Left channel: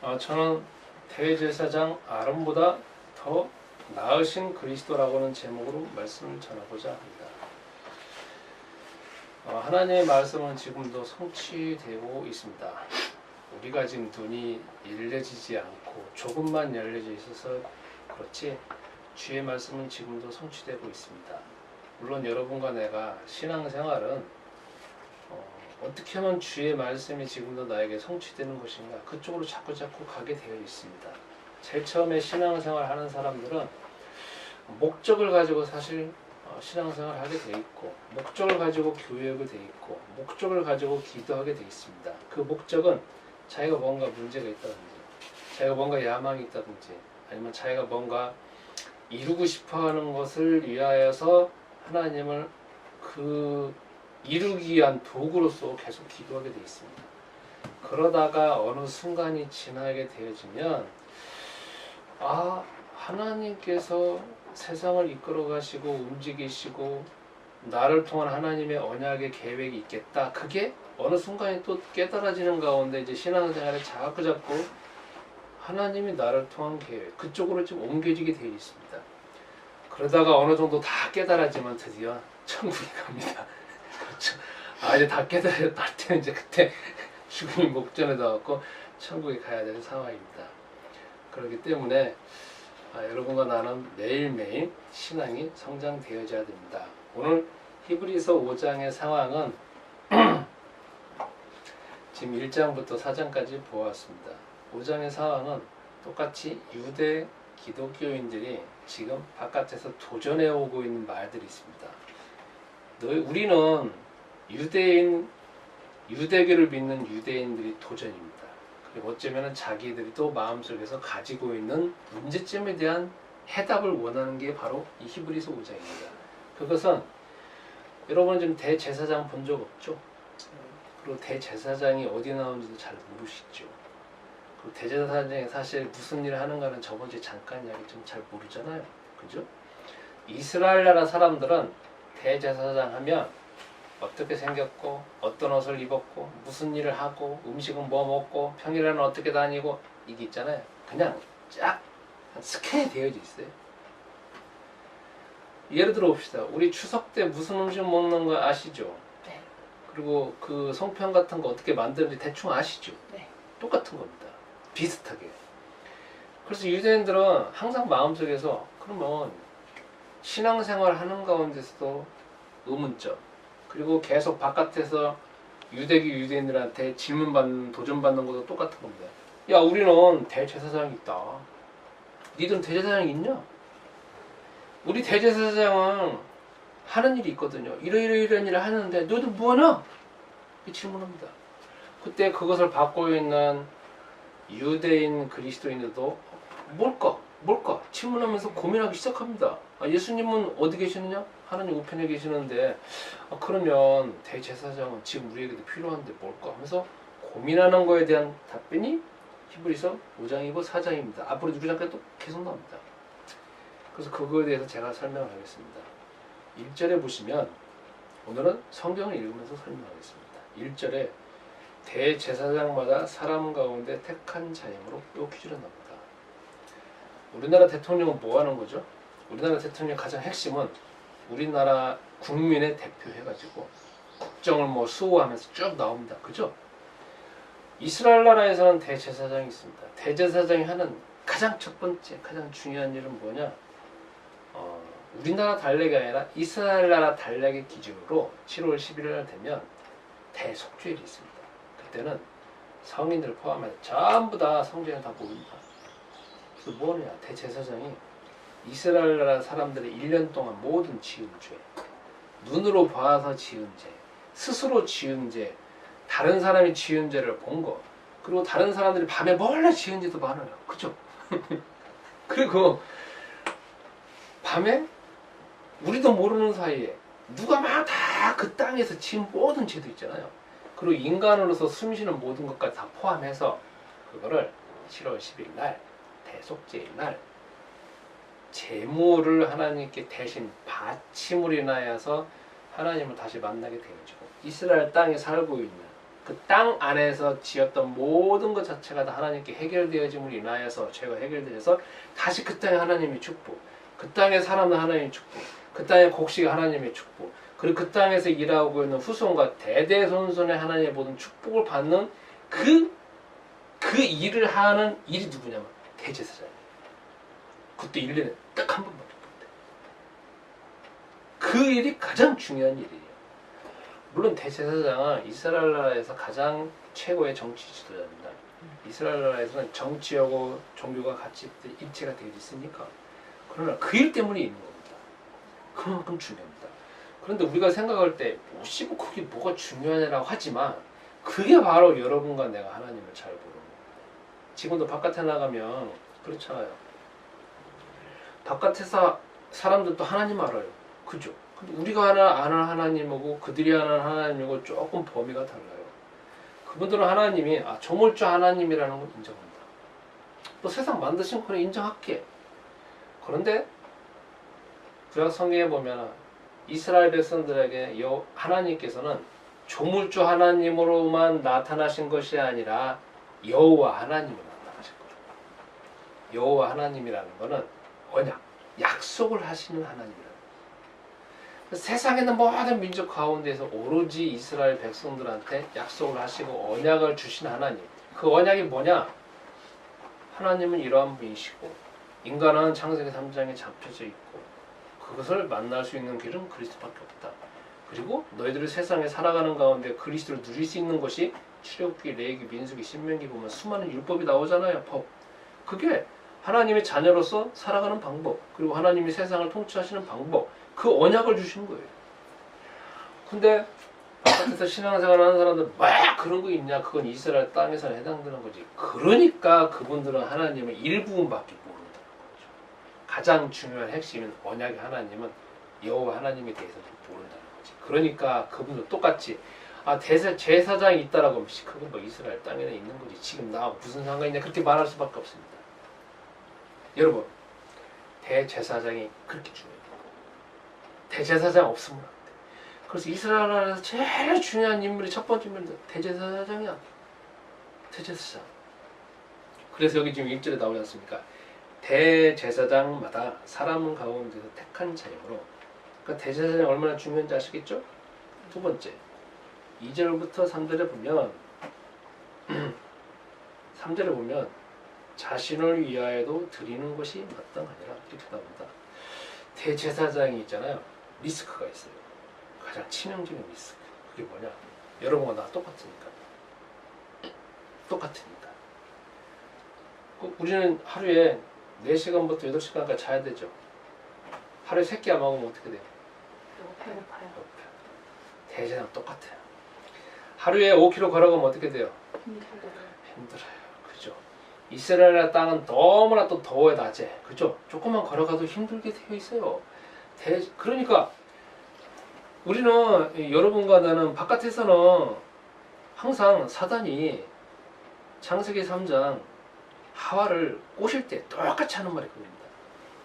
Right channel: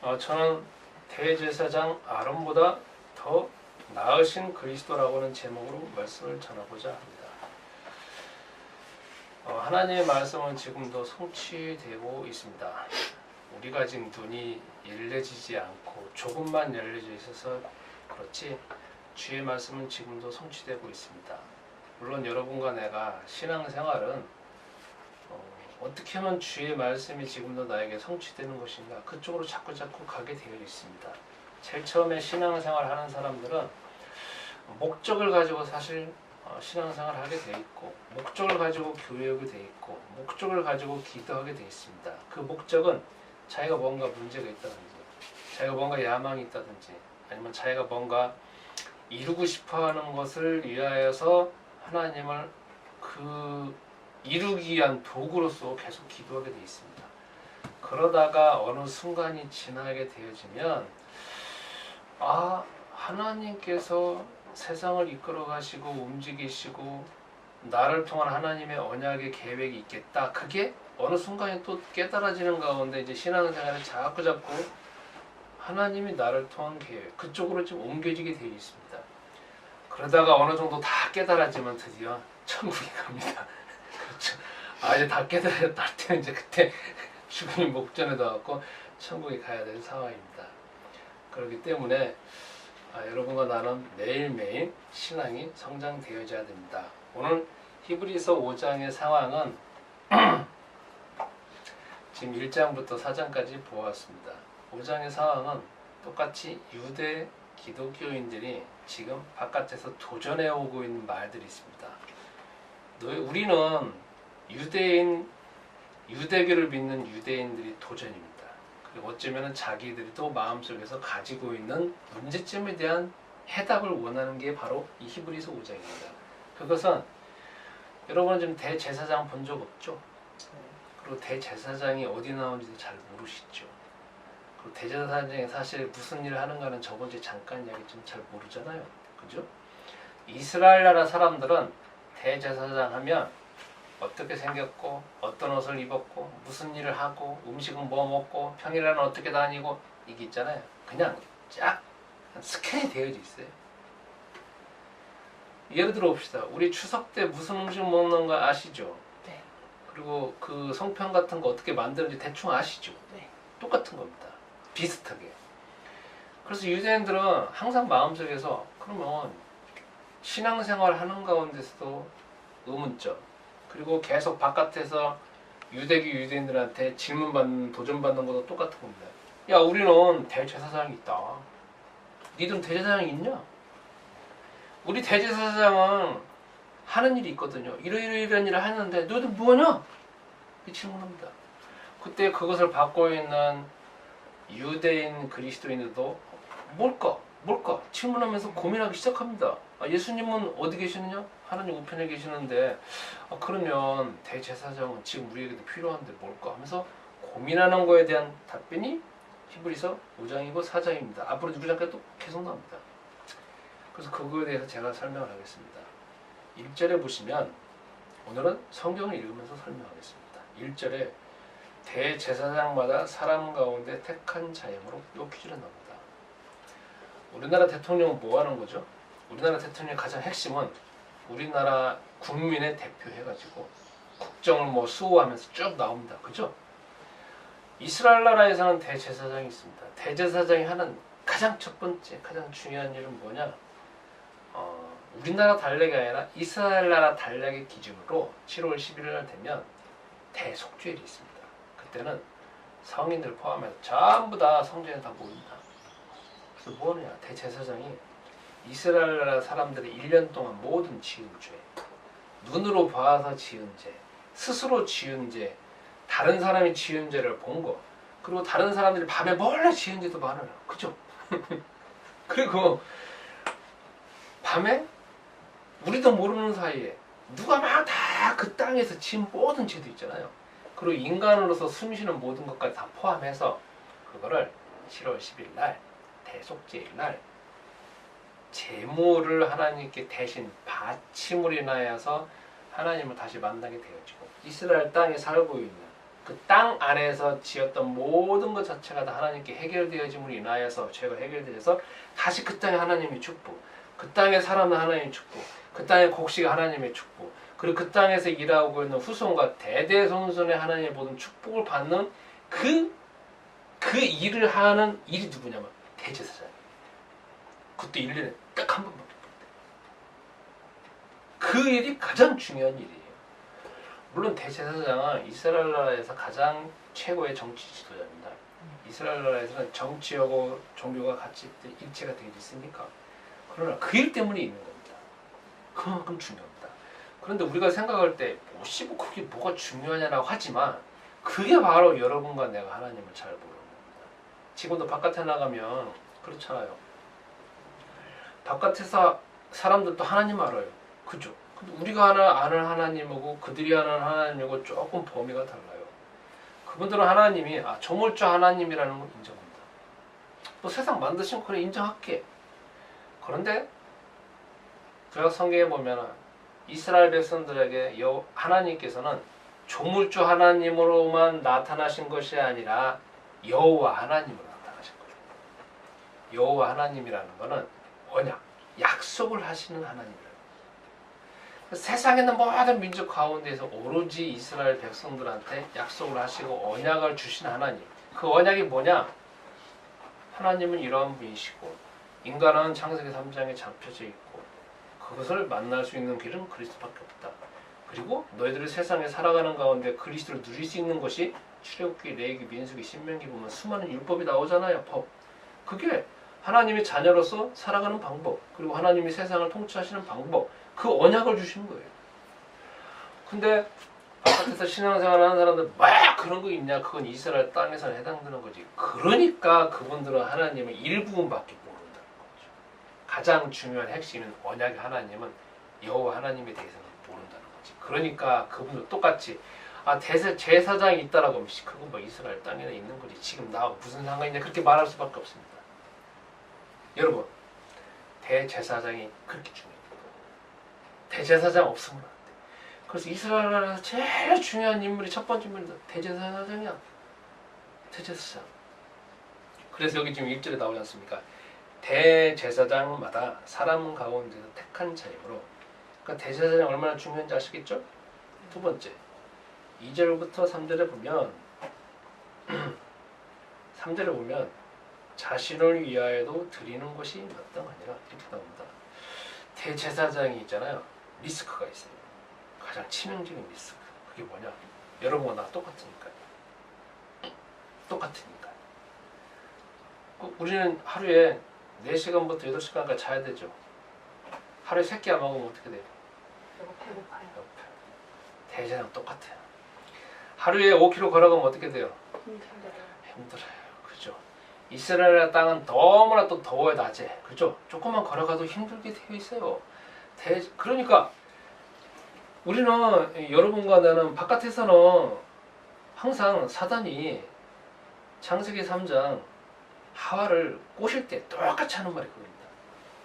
저는 대제사장 아론보다 더 나으신 그리스도라고는 제목으로 말씀을 전하고자 합니다. 하나님의 말씀은 지금도 성취되고 있습니다. 우리가 지금 눈이 열려지지 않고 조금만 열려져 있어서 그렇지 주의 말씀은 지금도 성취되고 있습니다. 물론 여러분과 내가 신앙생활은 어떻게 하면 주의 말씀이 지금도 나에게 성취되는 것인가 그쪽으로 자꾸 가게 되어 있습니다. 제일 처음에 신앙생활 하는 사람들은 목적을 가지고 사실 신앙생활을 하게 돼 있고 목적을 가지고 교회 오게 돼 있고 목적을 가지고 기도하게 돼 있습니다. 그 목적은 자기가 뭔가 문제가 있다든지 자기가 뭔가 야망이 있다든지 아니면 자기가 뭔가 이루고 싶어하는 것을 위하여서 하나님을 이루기 위한 도구로서 계속 기도하게 돼 있습니다. 그러다가 어느 순간이 지나게 되어지면 하나님께서 세상을 이끌어 가시고 움직이시고 나를 통한 하나님의 언약의 계획이 있겠다. 그게 어느 순간에 또 깨달아지는 가운데 이제 신앙생활에 자꾸 하나님이 나를 통한 계획 그쪽으로 좀 옮겨지게 되어 있습니다. 그러다가 어느 정도 다 깨달아지면 드디어 천국에 갑니다. 그렇죠. 이제 다 깨달았다 할 때는 이제 그때 죽음이 목전에 닿았고 천국에 가야 되는 상황입니다. 그렇기 때문에 여러분과 나는 매일매일 신앙이 성장되어져야 됩니다. 오늘 히브리서 5장의 상황은 지금 1장부터 4장까지 보았습니다. 5장의 상황은 똑같이 유대 기독교인들이 지금 바깥에서 도전해 오고 있는 말들이 있습니다. 우리는 유대교를 믿는 유대인들이 도전입니다. 그리고 어쩌면 자기들이 또 마음속에서 가지고 있는 문제점에 대한 해답을 원하는 게 바로 이 히브리서 5장입니다. 그것은 여러분은 지금 대제사장 본 적 없죠? 그리고 대제사장이 어디 나오는지도 잘 모르시죠? 그리고 대제사장이 사실 무슨 일을 하는가는 저번 주에 잠깐 이야기 좀 잘 모르잖아요. 그죠? 이스라엘 나라 사람들은 대제사장 하면 어떻게 생겼고 어떤 옷을 입었고 무슨 일을 하고 음식은 뭐 먹고 평일에는 어떻게 다니고 이게 있잖아요. 그냥 쫙 스캔이 되어져 있어요. 예를 들어 봅시다. 우리 추석 때 무슨 음식 먹는 거 아시죠? 네. 그리고 그 송편 같은 거 어떻게 만드는지 대충 아시죠? 네. 똑같은 겁니다. 비슷하게. 그래서 유대인들은 항상 마음속에서 그러면 신앙생활 하는 가운데서도 의문점 그리고 계속 바깥에서 유대교 유대인들한테 질문받는 도전받는 것도 똑같은 겁니다. 야 우리는 대제사장이 있다. 니들은 대제사장이 있냐? 우리 대제사장은 하는 일이 있거든요. 이런 일을 하는데 너희들 뭐하냐? 이 질문합니다. 그때 그것을 받고 있는 유대인 그리스도인들도 뭘까 질문하면서 고민하기 시작합니다. 예수님은 어디 계시느냐? 하나님 우편에 계시는데 그러면 대제사장은 지금 우리에게도 필요한데 뭘까 하면서 고민하는 거에 대한 답변이 히브리서 5장이고 4장입니다. 앞으로 6장까지 또 계속 나옵니다. 그래서 그거에 대해서 제가 설명을 하겠습니다. 1절에 보시면 오늘은 성경을 읽으면서 설명하겠습니다. 1절에 대제사장마다 사람 가운데 택한 자임으로 요 퀴즈가 나옵니다. 우리나라 대통령은 뭐 하는 거죠? 우리나라 대통령의 가장 핵심은 우리나라 국민의 대표 해가지고 국정을 수호하면서 쭉 나옵니다. 그죠? 이스라엘 나라에서는 대제사장이 있습니다. 대제사장이 하는 가장 첫 번째, 가장 중요한 일은 뭐냐? 우리나라 달력이 아니라 이스라엘 나라 달력의 기준으로 7월 11일 날 되면 대속죄일이 있습니다. 그때는 성인들 포함해서 전부 다 성전에 다 모입니다. 그래서 뭐냐? 대제사장이 이스라엘 나라 사람들의 1년 동안 모든 지은 죄, 눈으로 봐서 지은 죄, 스스로 지은 죄, 다른 사람이 지은 죄를 본 거, 그리고 다른 사람들이 밤에 몰래 지은 죄도 많아요. 그죠? 그리고 밤에 우리도 모르는 사이에 누가 막 다 그 땅에서 지은 모든 죄도 있잖아요. 그리고 인간으로서 숨쉬는 모든 것까지 다 포함해서 그거를 7월 10일 날 대속죄일 날 제물을 하나님께 대신 바침을 인하여서 하나님을 다시 만나게 되어지고 이스라엘 땅에 살고 있는 그 땅 안에서 지었던 모든 것 자체가 다 하나님께 해결되어짐으로 인하여서 죄가 해결되어서 다시 그 땅에 하나님의 축복, 그 땅에 사람은 하나님의 축복, 그 땅의 곡식이 하나님의 축복, 그리고 그 땅에서 일하고 있는 후손과 대대손손의 하나님의 모든 축복을 받는 그 일을 하는 일이 누구냐면 대제사장. 그것도 1년에 딱 한 번밖에 못해. 그 일이 가장 중요한 일이에요. 물론 대제사장은 이스라엘 나라에서 가장 최고의 정치 지도자입니다. 이스라엘 나라에서는 정치하고 종교가 같이 일체가 되어 있으니까. 그러나 그 일 때문에 있는 겁니다. 그만큼 중요합니다. 그런데 우리가 생각할 때 뭐 그게 뭐가 중요하냐라고 하지만 그게 바로 여러분과 내가 하나님을 잘 모르는 겁니다. 지금도 바깥에 나가면 그렇잖아요. 바깥에서 사람들도 하나님 알아요. 그죠? 근데 우리가 아는 하나님하고 그들이 아는 하나님하고 조금 범위가 달라요. 그분들은 하나님이 조물주 하나님이라는 걸 인정합니다. 또 세상 만드신 거는 인정할게. 그런데 구약 성경에 보면 이스라엘 백성들에게 하나님께서는 조물주 하나님으로만 나타나신 것이 아니라 여호와 하나님으로 나타나신 거예요. 여호와 하나님이라는 것은 언약, 약속을 하시는 하나님이라는 거예요. 세상에 있는 모든 민족 가운데서 오로지 이스라엘 백성들한테 약속을 하시고 언약을 주신 하나님. 그 언약이 뭐냐? 하나님은 이러한 분이시고 인간은 창세기 3장에 잡혀져 있고 그것을 만날 수 있는 길은 그리스도밖에 없다. 그리고 너희들이 세상에 살아가는 가운데 그리스도를 누릴 수 있는 것이 출애굽기, 레위기, 민수기, 신명기 보면 수많은 율법이 나오잖아요. 법. 그게 하나님의 자녀로서 살아가는 방법, 그리고 하나님이 세상을 통치하시는 방법, 그 언약을 주시는 거예요. 근데 바깥에서 신앙생활 하는 사람들 막 그런 거 있냐? 그건 이스라엘 땅에서 해당되는 거지. 그러니까 그분들은 하나님의 일부분밖에 모른다는 거죠. 가장 중요한 핵심인 언약의 하나님은 여호와 하나님에 대해서는 모른다는 거지. 그러니까 그분들 똑같이 제사장이 있다라고 하면 그거 뭐 이스라엘 땅에는 있는 거지. 지금 나하고 무슨 상관이냐 그렇게 말할 수밖에 없습니다. 여러분, 대제사장이 그렇게 중요해요. 대제사장 없으면 안 돼. 그래서 이스라엘 나라에서 제일 중요한 인물이 첫 번째 인물이 대제사장이야. 대제사장. 그래서 여기 지금 1절에 나오지 않습니까? 대제사장마다 사람 가운데서 택한 자이므로. 그러니까 대제사장이 얼마나 중요한지 아시겠죠? 두 번째, 2절부터 3절에 보면 3절에 보면 자신을 위하여도 드리는 것이 마땅하니라 이렇게 나옵니다. 대제사장이 있잖아요. 리스크가 있어요. 가장 치명적인 리스크. 그게 뭐냐? 여러분과 나 똑같으니까요. 똑같으니까. 우리는 하루에 4시간부터 8시간까지 자야 되죠. 하루에 3끼 안 먹으면 어떻게 돼요? 배고파요. 대제사장 똑같아요. 하루에 5km 걸어가면 어떻게 돼요? 힘들어요. 그죠? 이스라엘 땅은 너무나 또 더워요, 낮에. 그죠? 조금만 걸어가도 힘들게 되어 있어요. 그러니까 우리는, 여러분과 나는 바깥에서는 항상 사단이 창세기 3장 하와를 꼬실 때 똑같이 하는 말이 그겁니다.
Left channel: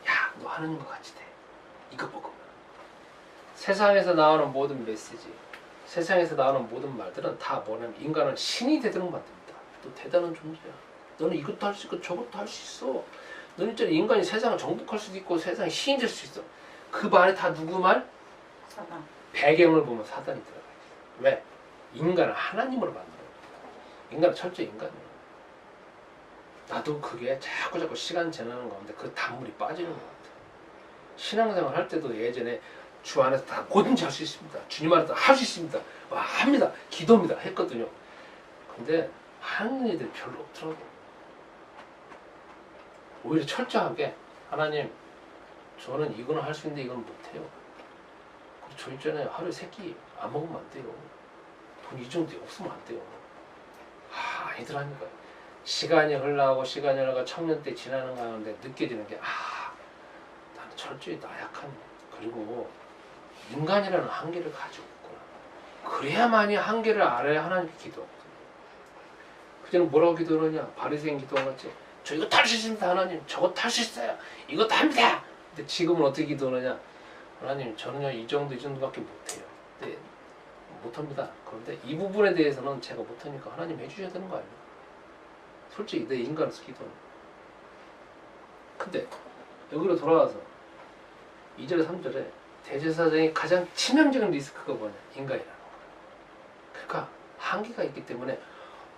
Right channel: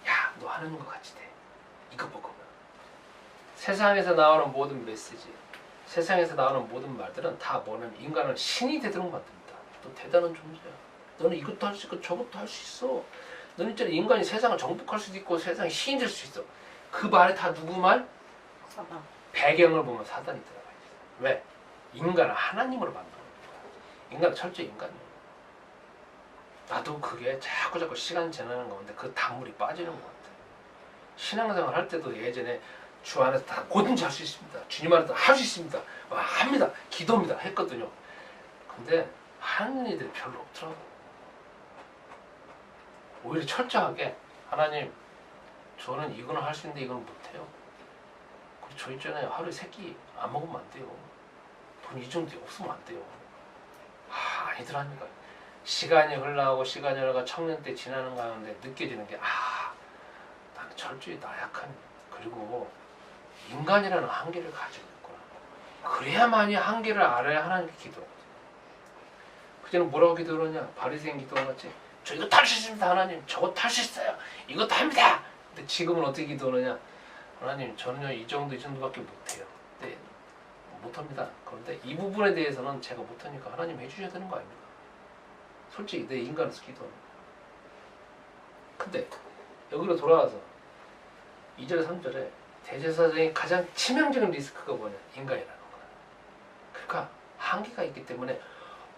야, 너 하는 거 같이 돼. 이거 먹으면. 세상에서 나오는 모든 메시지, 세상에서 나오는 모든 말들은 다 뭐냐면 인간을 신이 되도록 만듭니다. 너 대단한 존재야. 너는 이것도 할 수 있고 저것도 할 수 있어. 너는 진짜 인간이 세상을 정복할 수도 있고 세상에 신이 될 수 있어. 그 말이 다 누구 말? 사단. 배경을 보면 사단이 들어가 있어요. 왜? 인간을 하나님으로 만들어 놓은 거야. 인간은 철저히 인간이에요. 나도 그게 자꾸 시간 지나는 가운데 그 단물이 빠지는 것 같아요. 신앙생활 할 때도 예전에 주 안에서 다 뭐든지 할 수 있습니다. 주님 안에서 할 수 있습니다. 합니다. 기도입니다. 했거든요. 근데 하는 일들이 별로 없더라고. 오히려 철저하게 하나님, 저는 이거는 할 수 있는데 이건 못해요. 그리고 저 있잖아요. 하루에 3끼 안 먹으면 안 돼요. 돈 이 정도 없으면 안 돼요. 아니더라니까. 시간이 흘러가고 시간이 흘러가 청년 때 지나는 가운데 느껴지는 게 나는 철저히 나약한, 그리고 인간이라는 한계를 가지고 있구나. 그래야만이 한계를 알아야 하나님께 기도하거든요. 그전에 뭐라고 기도하냐? 바리새인 기도하겠지. 저 이거 탈 수 있습니다 하나님. 저거 탈 수 있어요. 이것도 합니다. 근데 지금은 어떻게 기도하느냐? 하나님, 저는요 이 정도밖에 못해요. 근데 못합니다. 그런데 이 부분에 대해서는 제가 못하니까 하나님 해주셔야 되는 거 아닙니까? 솔직히 내 인간으로서 기도는. 근데 여기로 돌아와서 2절 3절에 대제사장이 가장 치명적인 리스크가 뭐냐? 인간이라는 거야. 그러니까 한계가 있기 때문에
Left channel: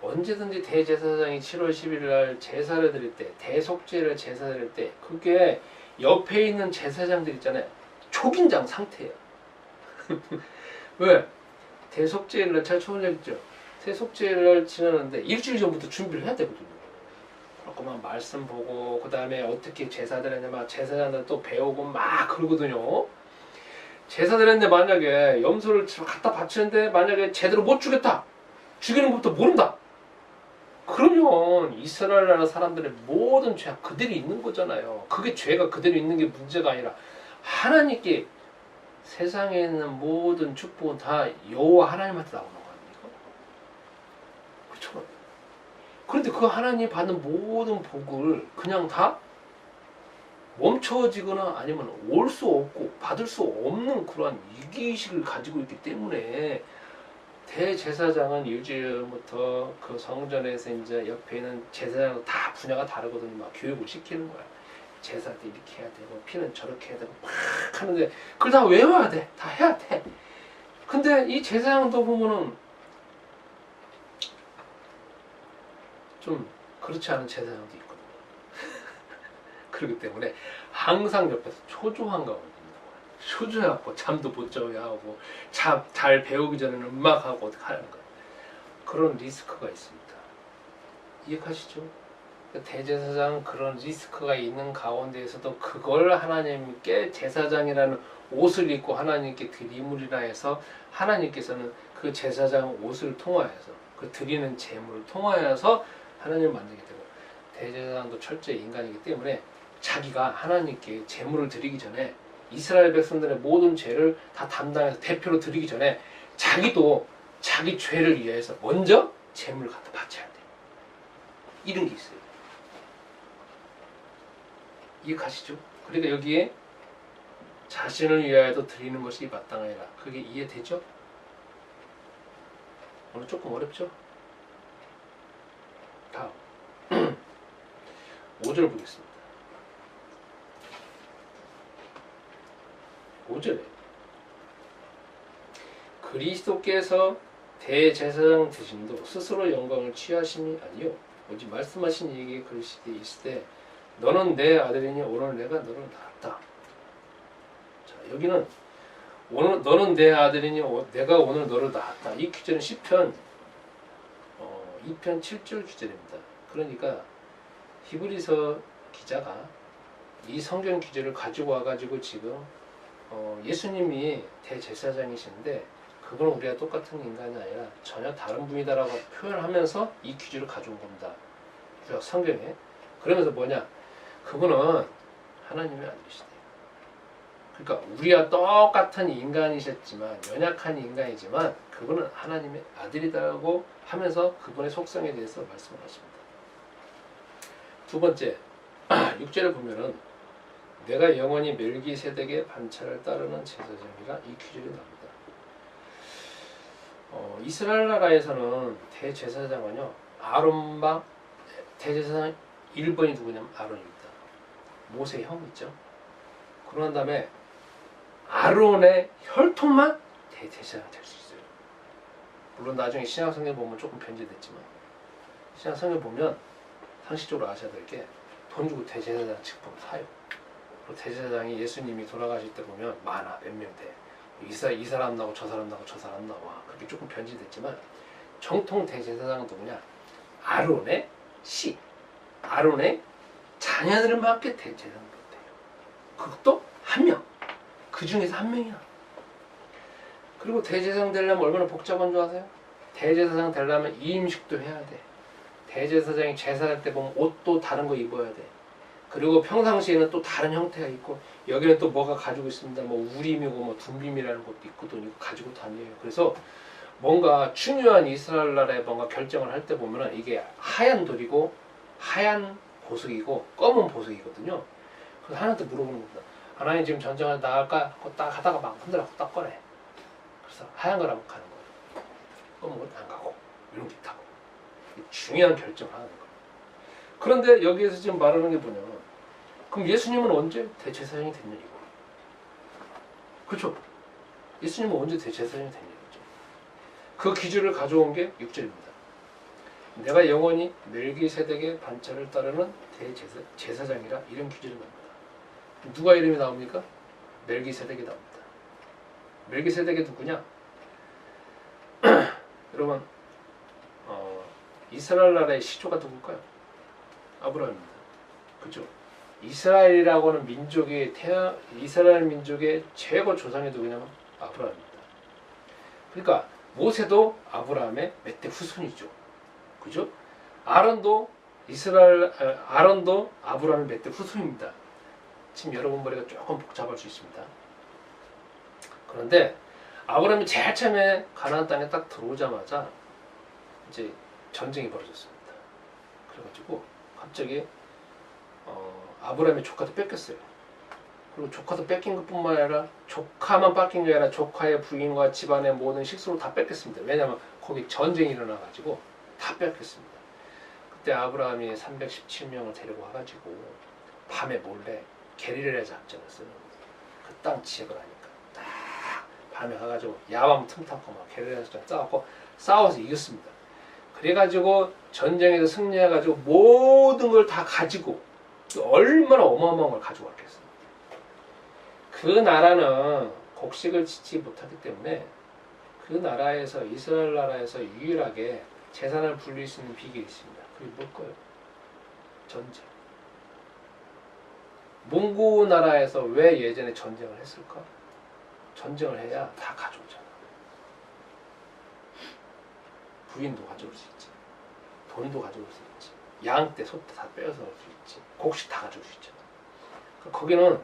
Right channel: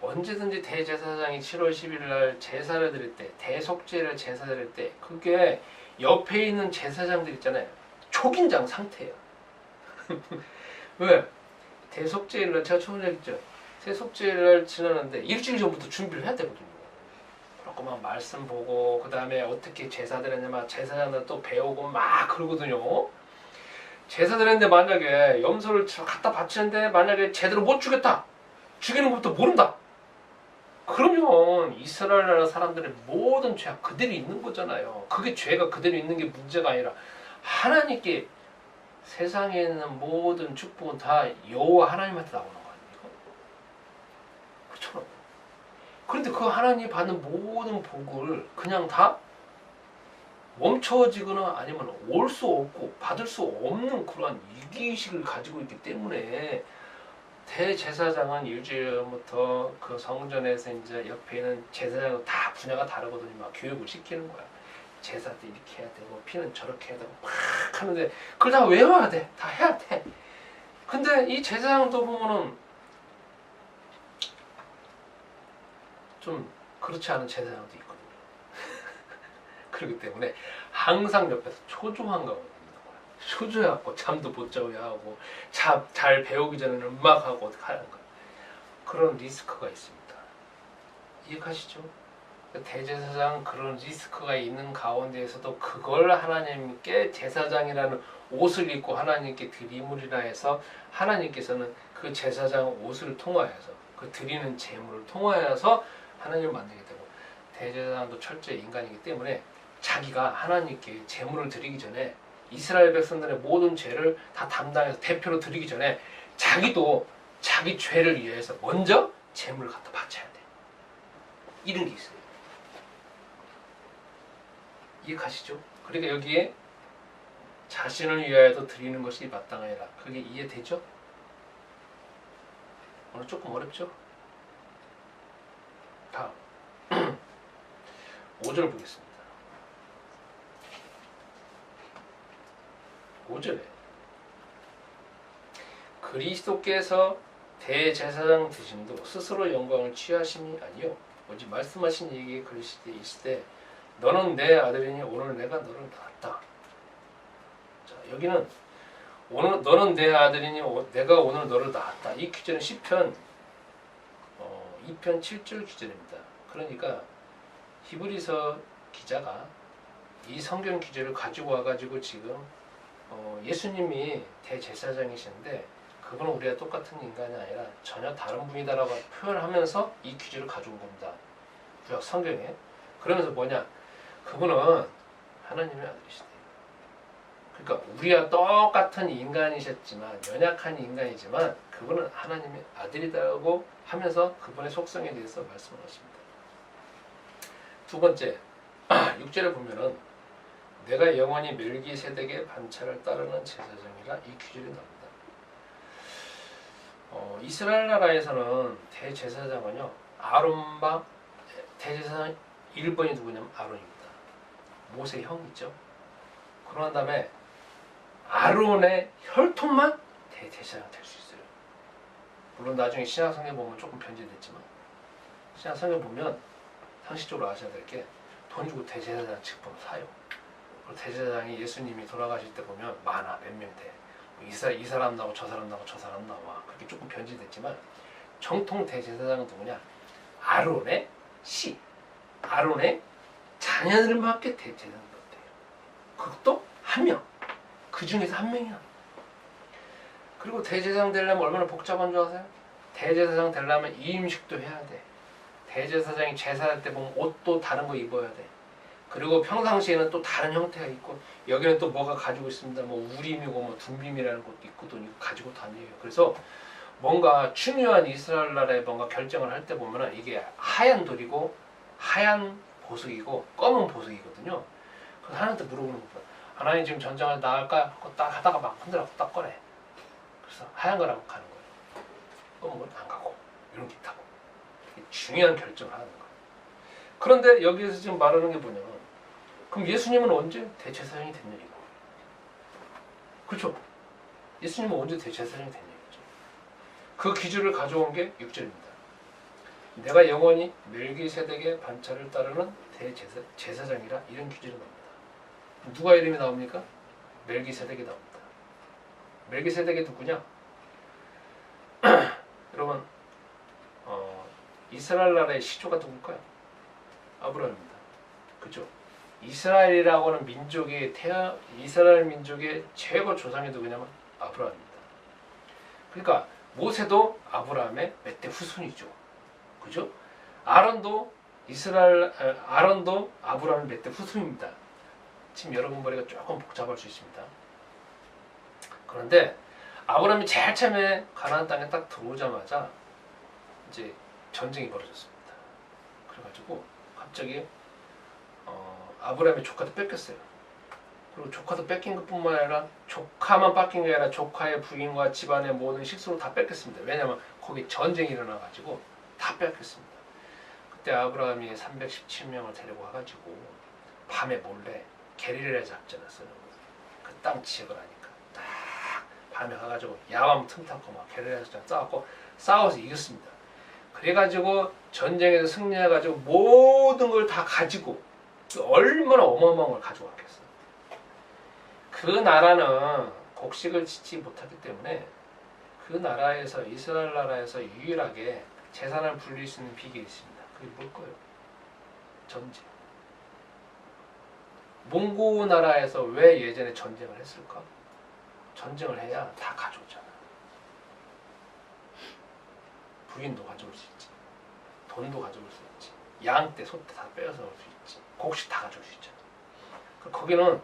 언제든지 대제사장이 7월 11일 날 제사를 드릴 때, 대속죄를 제사 드릴 때 그게 옆에 있는 제사장들 있잖아요. 초긴장 상태예요. 왜? 대속죄일 날 제가 처음 얘기했죠. 대속죄일 날 지나는데 일주일 전부터 준비를 해야 되거든요. 그렇고 막 말씀 보고 그 다음에 어떻게 제사 드렸냐 막 제사장들 또 배우고 막 그러거든요. 제사 드렸는데 만약에 염소를 갖다 바치는데 만약에 제대로 못 죽였다. 죽이는 것부터 모른다. 그러면 이스라엘 나라 사람들의 모든 죄가 그대로 있는 거잖아요. 그게 죄가 그대로 있는 게 문제가 아니라 하나님께 세상에 있는 모든 축복은 다 여호와 하나님한테 나오는 거 아닙니까? 그렇죠. 그런데 그 하나님이 받는 모든 복을 그냥 다 멈춰지거나 아니면 올 수 없고 받을 수 없는 그러한 위기의식을 가지고 있기 때문에 대제사장은 일주일부터 그 성전에서 이제 옆에 있는 제사장 다 분야가 다르거든요. 막 교육을 시키는 거야. 제사도 이렇게 해야 되고 피는 저렇게 해야 되고 막 하는데 그걸 다 외워야 돼. 다 해야 돼. 근데 이 제사장도 보면은 좀 그렇지 않은 제사장도 있거든요. 그렇기 때문에 항상 옆에서 초조한 가운데 있는 거야. 초조해갖고 잠도 못 자게 하고 잘 배우기 전에는 음악하고 어떻게 하는 거야. 그런 리스크가 있습니다. 이해하시죠? 대제사장 그런 리스크가 있는 가운데에서도 그걸 하나님께 제사장이라는 옷을 입고 하나님께 드리물이라 해서 하나님께서는 그 제사장 옷을 통하여서 그 드리는 제물을 통하여서 하나님을 만들게 되고 대제사장도 철저히 인간이기 때문에 자기가 하나님께 제물을 드리기 전에 이스라엘 백성들의 모든 죄를 다 담당해서 대표로 드리기 전에 자기도 자기 죄를 위해서 먼저 제물을 갖다 바쳐야 돼. 이런 게 있어요. 이해가시죠? 그러니까 여기에 자신을 위하여도 드리는 것이 마땅하니라. 그게 이해되죠? 오늘 조금 어렵죠? 다음 5절 보겠습니다. 5절에 그리스도께서 대제사장 되심도 스스로 영광을 취하심이 아니요 오직 말씀하신 이에게 그리시되 있을 때 너는 내 아들이니 오늘 내가 너를 낳았다. 자, 여기는 오늘 너는 내 아들이니 내가 오늘 너를 낳았다. 이 규절은 시편 2편 7절 규절입니다. 그러니까 히브리서 기자가 이 성경 규절을 가지고 와가지고 지금 예수님이 대제사장이신데 그분은 우리가 똑같은 인간이 아니라 전혀 다른 분이다라고 표현하면서 이 규절을 가져온 겁니다. 구약 성경에. 그러면서 뭐냐? 그분은 하나님의 아들이시대요. 그러니까 우리와 똑같은 인간이셨지만 연약한 인간이지만 그분은 하나님의 아들이라고 하면서 그분의 속성에 대해서 말씀을 하십니다. 두 번째 6절을 보면은 내가 영원히 멜기세덱의 반차를 따르는 제사장이라 이 규절이 나옵니다. 이스라엘 나라에서는 대제사장은요 아론과 대제사장 1번이 누구냐면 아론입니다. 모세 형 있죠. 그런 다음에 아론의 혈통만 대제사장 될 수 있어요. 물론 나중에 신약성경 보면 조금 변제됐지만 신약성경 보면 상식적으로 아셔야 될 게 돈 주고 대제사장 직분 사요. 그리고 대제사장이 예수님이 돌아가실 때 보면 많아. 몇 명 돼. 이 사람 나오고 저 사람 나오고 저 사람 나와. 그렇게 조금 변질됐지만 정통 대제사장은 누구냐? 아론의 씨. 아론의 자녀들만께 대제사장 돼요. 그것도 한 명. 그 중에서 한 명이야. 그리고 대제사장 되려면 얼마나 복잡한 줄 아세요? 대제사장 되려면 이임식도 해야 돼. 대제사장이 제사할 때 보면 옷도 다른 거 입어야 돼. 그리고 평상시에는 또 다른 형태가 있고 여기는 또 뭐가 가지고 있습니다. 뭐 우림이고 뭐 둠빔이라는 것도 있거든요. 이거 가지고 다녀요. 그래서 뭔가 중요한 이스라엘 나라에 뭔가 결정을 할 때 보면은 이게 하얀 돌이고 하얀 보석이고 검은 보석이거든요. 그래서 하나님한테 물어보는 겁니다. 하나님 지금 전쟁을 나갈까? 하고 딱 하다가 막 흔들어 딱 꺼내. 그래서 하얀 거라고 가는 거예요. 뭐 안 가고 이런 게 있다고. 중요한 결정을 하는 거. 그런데 여기에서 지금 말하는 게 뭐냐면 그럼 예수님은 언제 대제사장이 됐냐 이거. 그렇죠? 예수님은 언제 대제사장이 됐냐 이거죠. 그 기준을 가져온 게 6절입니다. 내가 영원히 멜기세덱의 반차를 따르는 대제사장이라 이런 기준이 나옵니다. 누가 이름이 나옵니까? 멜기세덱이 나옵니다. 멜기세덱이 누구냐? 여러분 이스라엘 나라의 시조가 누굴까요? 아브라함입니다. 그죠? 이스라엘이라고는 이스라엘 민족의 최고 조상이 누구냐면 아브라함입니다. 그러니까 모세도 아브라함의 몇 대 후손이죠. 그죠? 아론도 아브라함의 몇 대 후손입니다. 지금 여러분 머리가 조금 복잡할 수 있습니다. 그런데 아브라함이 제일 처음에 가나안 땅에 딱 들어오자마자 이제 전쟁이 벌어졌습니다. 그래가지고 갑자기 아브라함의 조카도 뺏겼어요. 그리고 조카도 뺏긴 것뿐만 아니라 조카만 뺏긴 게 아니라 조카의 부인과 집안의 모든 식수를 다 뺏겼습니다. 왜냐하면 거기 전쟁이 일어나가지고 다 뺏겼습니다. 그때 아브라함이 317명을 데리고 와가지고 밤에 몰래 게릴라 작전을 쓰는 거예요. 그 땅 지역을 하니까 딱 밤에 가가지고 야밤 틈타고 막 게릴라 작전 싸웠고 싸워서 이겼습니다. 그래가지고 전쟁에서 승리해가지고 모든 걸 다 가지고 얼마나 어마어마한 걸 가져왔겠어. 그 나라는 곡식을 짓지 못하기 때문에 그 나라에서 이스라엘 나라에서 유일하게 재산을 불릴 수 있는 비결이 있습니다. 그게 뭘까요? 전쟁. 몽고 나라에서 왜 예전에 전쟁을 했을까? 전쟁을 해야 다 가져오잖아. 부인도 가져올 수 있지. 돈도 가져올 수 있지. 양 떼, 소 떼 다 빼앗아 올 수 있지. 곡식 다 가져올 수 있잖아. 거기는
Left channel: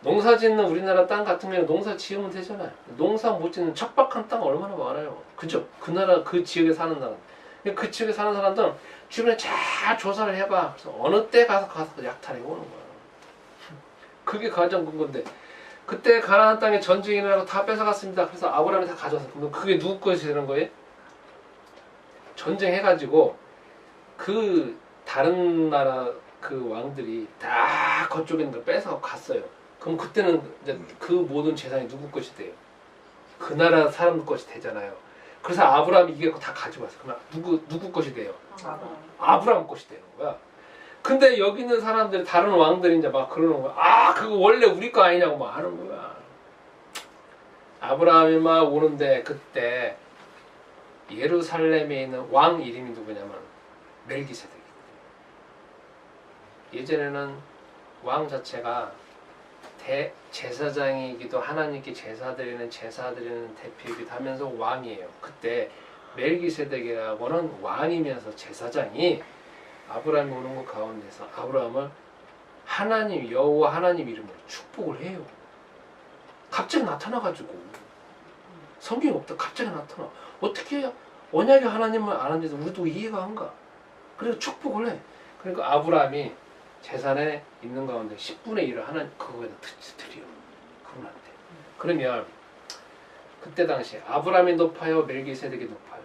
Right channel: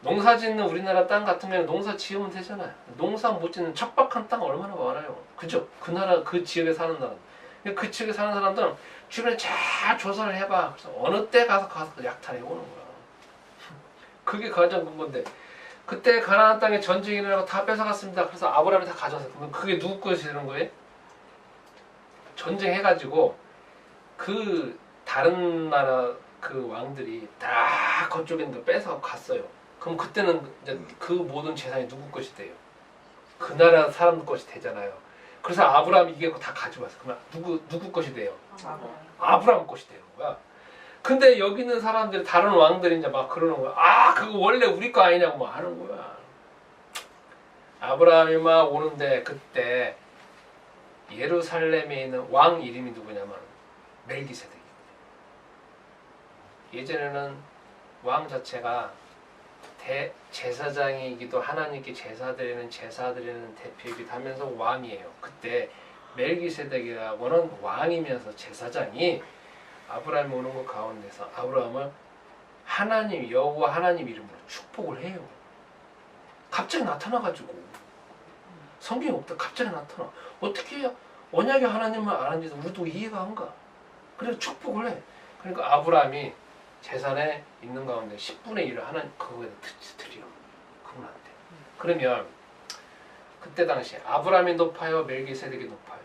농사 짓는 우리나라 땅 같으면 농사 지으면 되잖아요. 농사 못 짓는 척박한 땅 얼마나 많아요. 그죠? 그 나라, 그 지역에 사는 사람. 그 지역에 사는 사람들은 주변에 잘 조사를 해봐. 그래서 어느 때 가서 약탈해 오는 거야. 그게 가장 큰 건데. 그때 가나안 땅에 전쟁이 일어나고 다 뺏어갔습니다. 그래서 아브라함이 다 가져왔어. 그러면 그게 누구 것이 되는 거예요? 전쟁해가지고 그 다른 나라 그 왕들이 다 그쪽에 있는 걸 뺏어 갔어요. 그럼 그때는 이제 그 모든 재산이 누구 것이 돼요? 그 나라 사람들 것이 되잖아요. 그래서 아브라함이 이게 다 가져왔어. 그러면 누구 것이 돼요? 아브라함 것이 되는 거야. 근데 여기 있는 사람들이 다른 왕들이 이제 막 그러는 거야. 아, 그거 원래 우리 거 아니냐고 막 하는 거야. 아브라함이 막 오는데 그때 예루살렘에 있는 왕 이름이 누구냐면 멜기세덱이거든요. 예전에는 왕 자체가 대제사장이기도 하나님께 제사 드리는 대표이기도 하면서 왕이에요. 그때 멜기세덱이라고는 왕이면서 제사장이 아브라함이 오는 것 가운데서 아브라함을 하나님 여호와 하나님 이름으로 축복을 해요. 갑자기 나타나가지고 성경이 없다 갑자기 나타나. 어떻게 언약의 하나님을 아는지도 우리도 이해가 안 가. 그래서 축복을 해. 그러니까 아브라함이 재산에 있는 가운데 10분의 1을 하나님 그거에다 드려. 그분한테. 그러면 그때 당시 아브라함이 높아요? 멜기세덱이 높아요?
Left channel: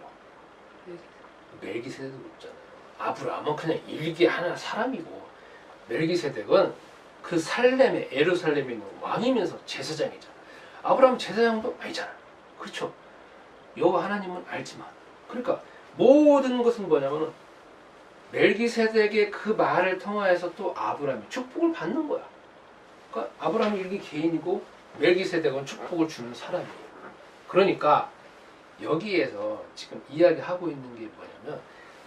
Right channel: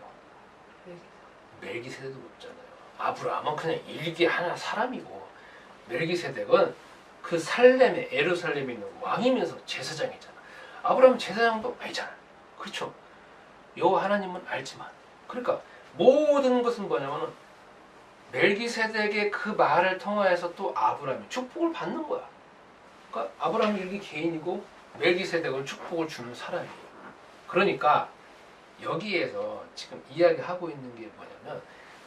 멜기세덱도 높잖아요. 아브라함은 그냥 일개 하나 사람이고 멜기세덱은 그 살렘에 예루살렘에 있는 왕이면서 제사장이잖아. 아브라함은 제사장도 아니잖아. 그렇죠? 여호와 하나님은 알지만 그러니까 모든 것은 뭐냐면은 멜기세덱의 그 말을 통하여서 또 아브라함이 축복을 받는 거야. 그러니까 아브라함은 일개 개인이고 멜기세덱은 축복을 주는 사람이에요. 그러니까 여기에서 지금 이야기하고 있는 게 뭐냐면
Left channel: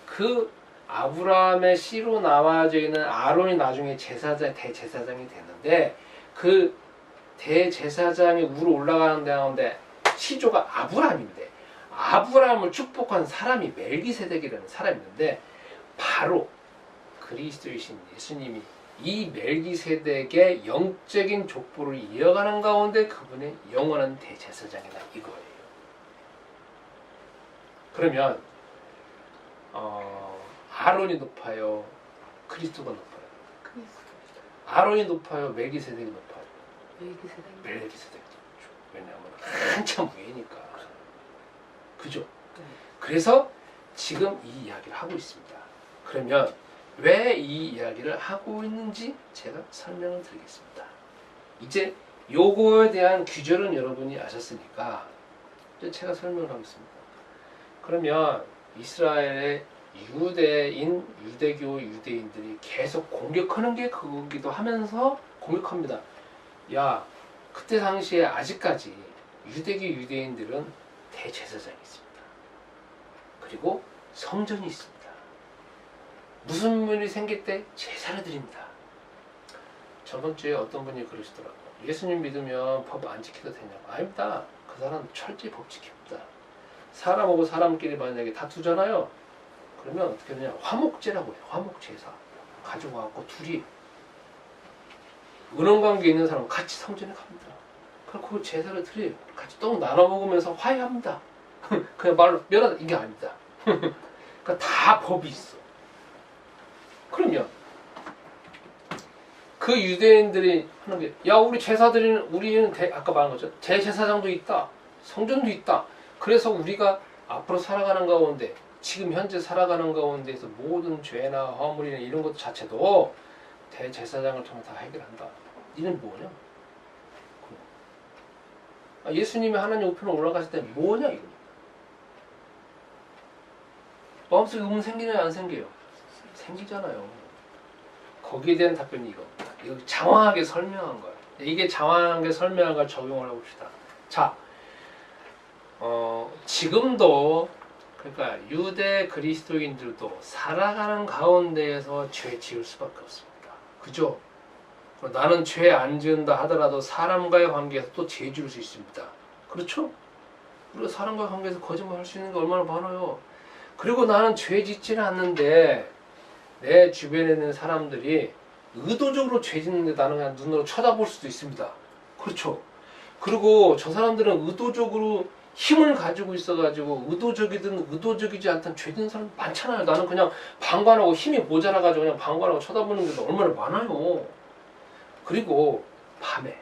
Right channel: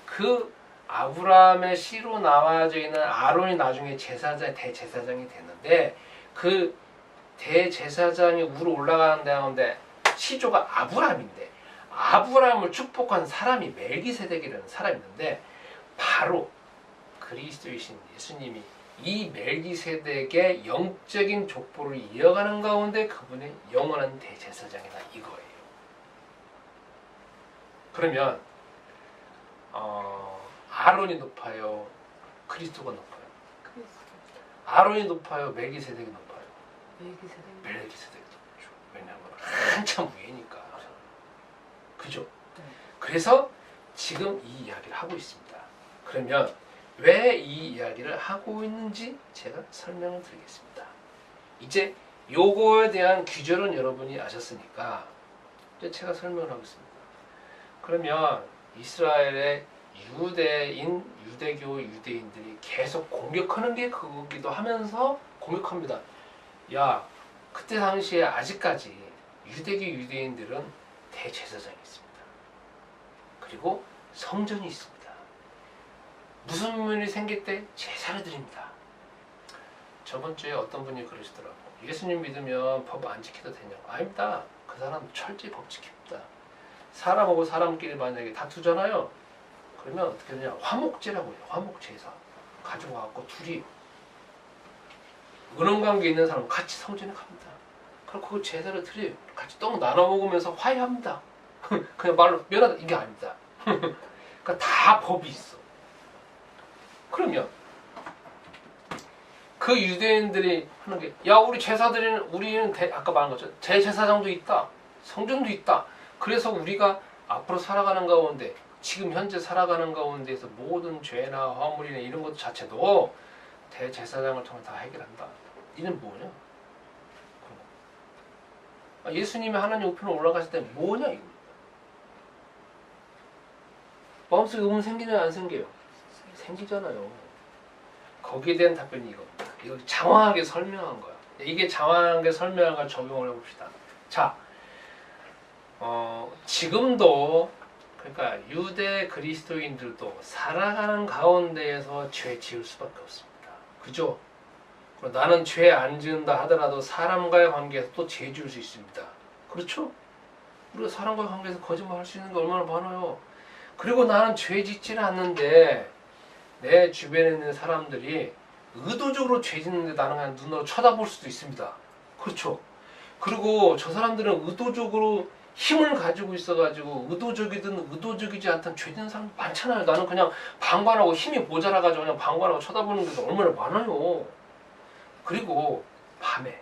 그 아브라함의 씨로 나와져 있는 아론이 나중에 대제사장이 됐는데 그 대제사장이 위로 올라가는 가운데 시조가 아브라함인데 아브라함을 축복한 사람이 멜기세덱이라는 사람이 있는데 바로 그리스도이신 예수님이 이 멜기세덱의 영적인 족보를 이어가는 가운데 그분의 영원한 대제사장이다 이거예요. 그러면 아론이 높아요? 그리스도가 높아요? 아론이 높아요? 멜기세덱이 높아요? 멜기세덱이 높죠. 왜냐하면 한참 위니까. 그죠? 네. 그래서 지금 이 이야기를 하고 있습니다. 그러면 왜 이 이야기를 하고 있는지 제가 설명을 드리겠습니다. 이제 요거에 대한 규절은 여러분이 아셨으니까 이제 제가 설명을 하겠습니다. 그러면 이스라엘의 유대교 유대인들이 계속 공격하는 게 그거기도 하면서 공격합니다. 야, 그때 당시에 아직까지 유대교 유대인들은 대제사장이 있습니다. 그리고 성전이 있습니다. 무슨 일이 생길 때 제사를 드립니다. 저번 주에 어떤 분이 그러시더라고. 예수님 믿으면 법 안 지켜도 되냐고. 아닙니다. 그 사람 철저히 법 지킵니다. 사람하고 사람끼리 만약에 다투잖아요. 그러면 어떻게 되냐? 화목제라고 해요. 화목제사. 가지고 와갖고 둘이 은원관계 있는 사람은 같이 성전에 갑니다. 그리고 그 제사를 드려요. 같이 떡 나눠 먹으면서 화해합니다. 그냥 말로 면하다 이게 아닙니다. 그러니까 다 법이 있어. 그러면 그 유대인들이 하는 게, 야, 우리 제사 드리는, 우리는 아까 말한 것처럼 대제사장도 있다, 성전도 있다. 그래서 우리가 앞으로 살아가는 가운데, 지금 현재 살아가는 가운데에서 모든 죄나 화물이나 이런 것 자체도 대제사장을 통해 다 해결한다. 이는 뭐냐? 예수님이 하나님 우편에 올라가실 때 뭐냐 이겁니다. 마음속에 의문 생기냐 안 생겨요? 생기잖아요. 거기에 대한 답변이 이겁니다. 여기 장황하게 설명한 거야. 이게 장황하게 설명한 걸 적용을 해봅시다. 자, 지금도 그러니까 유대 그리스도인들도 살아가는 가운데에서 죄 지을 수밖에 없습니다. 그죠? 나는 죄 안 지은다 하더라도 사람과의 관계에서 또 죄 지을 수 있습니다. 그렇죠? 우리가 사람과의 관계에서 거짓말 할 수 있는 게 얼마나 많아요. 그리고 나는 죄 짓지는 않는데 내 주변에 있는 사람들이 의도적으로 죄 짓는데 나는 그냥 눈으로 쳐다볼 수도 있습니다. 그렇죠? 그리고 저 사람들은 의도적으로 힘을 가지고 있어가지고 의도적이든 의도적이지 않든 죄 짓는 사람 많잖아요. 나는 그냥 방관하고 힘이 모자라가지고 그냥 방관하고 쳐다보는 게 얼마나 많아요. 그리고 밤에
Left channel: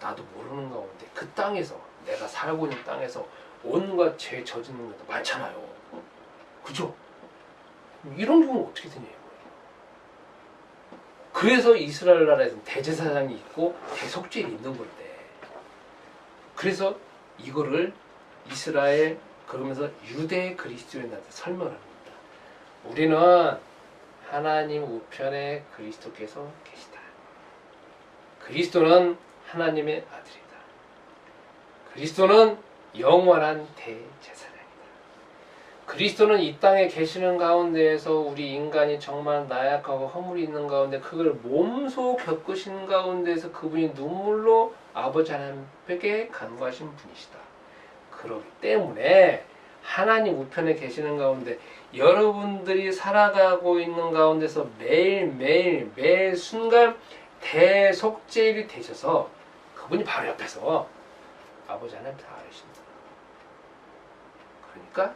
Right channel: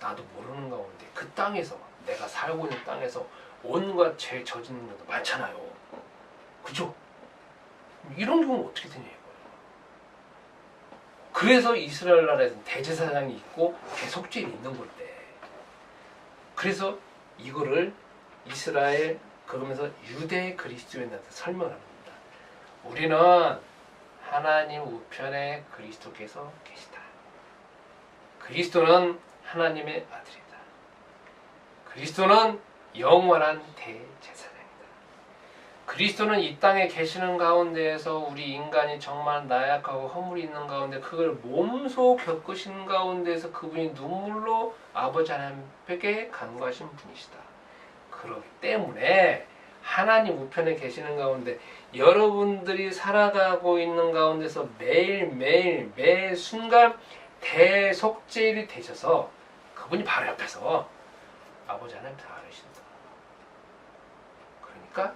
나도 모르는 가운데 그 땅에서 내가 살고 있는 땅에서 온갖 죄 저지르는 것도 많잖아요. 그죠? 이런 경우 어떻게 되냐 이거예요. 그래서 이스라엘 나라에서는 대제사장이 있고 대속죄일이 있는 건데, 그래서 이거를 이스라엘 그러면서 유대 그리스도인한테 설명을 합니다. 우리는 하나님 우편에 그리스도께서 계시다. 그리스도는 하나님의 아들이다. 그리스도는 영원한 대제사장이다. 그리스도는 이 땅에 계시는 가운데에서 우리 인간이 정말 나약하고 허물이 있는 가운데 그걸 몸소 겪으신 가운데에서 그분이 눈물로 아버지 하나님께 간구하신 분이시다. 그렇기 때문에 하나님 우편에 계시는 가운데 여러분들이 살아가고 있는 가운데서 매일매일 매 순간 대속죄일이 되셔서 그분이 바로 옆에서 아버지 하나님 다 알으신다. 그러니까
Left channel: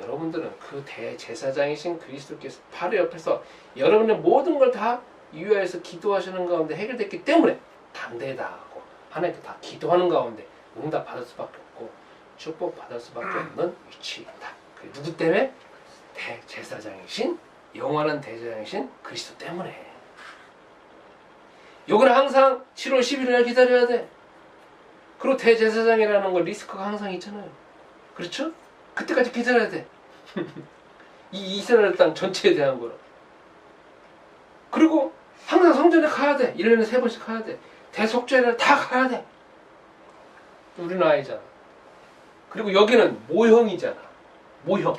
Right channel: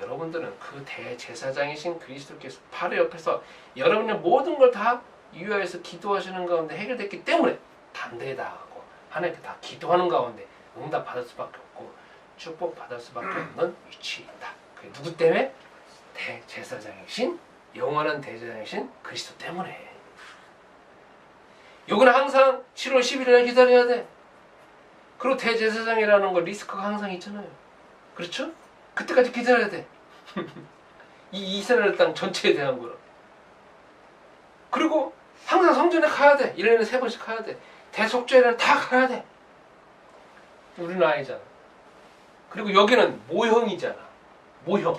여러분들은 그 대제사장이신 그리스도께서 바로 옆에서 여러분의 모든 걸 다 위하여서 기도하시는 가운데 해결됐기 때문에 담대히 나아가고 하나님께 다 기도하는 가운데 응답 받을 수밖에 없고 축복 받을 수밖에 없는 위치에 있다. 그게 누구 때문에? 대제사장이신 영원한 대제사장이신 그리스도 때문에. 요거는 항상 7월 11일에 기다려야 돼. 그리고 대제사장이라는 거 리스크가 항상 있잖아요. 그렇죠? 그때까지 기다려야 돼. 이 이스라엘 땅 전체에 대한 거로. 그리고 항상 성전에 가야 돼. 1년에 3번씩 가야 돼. 대속죄를 다 가야 돼. 우리는 아니잖아. 그리고 여기는 모형이잖아. 모형.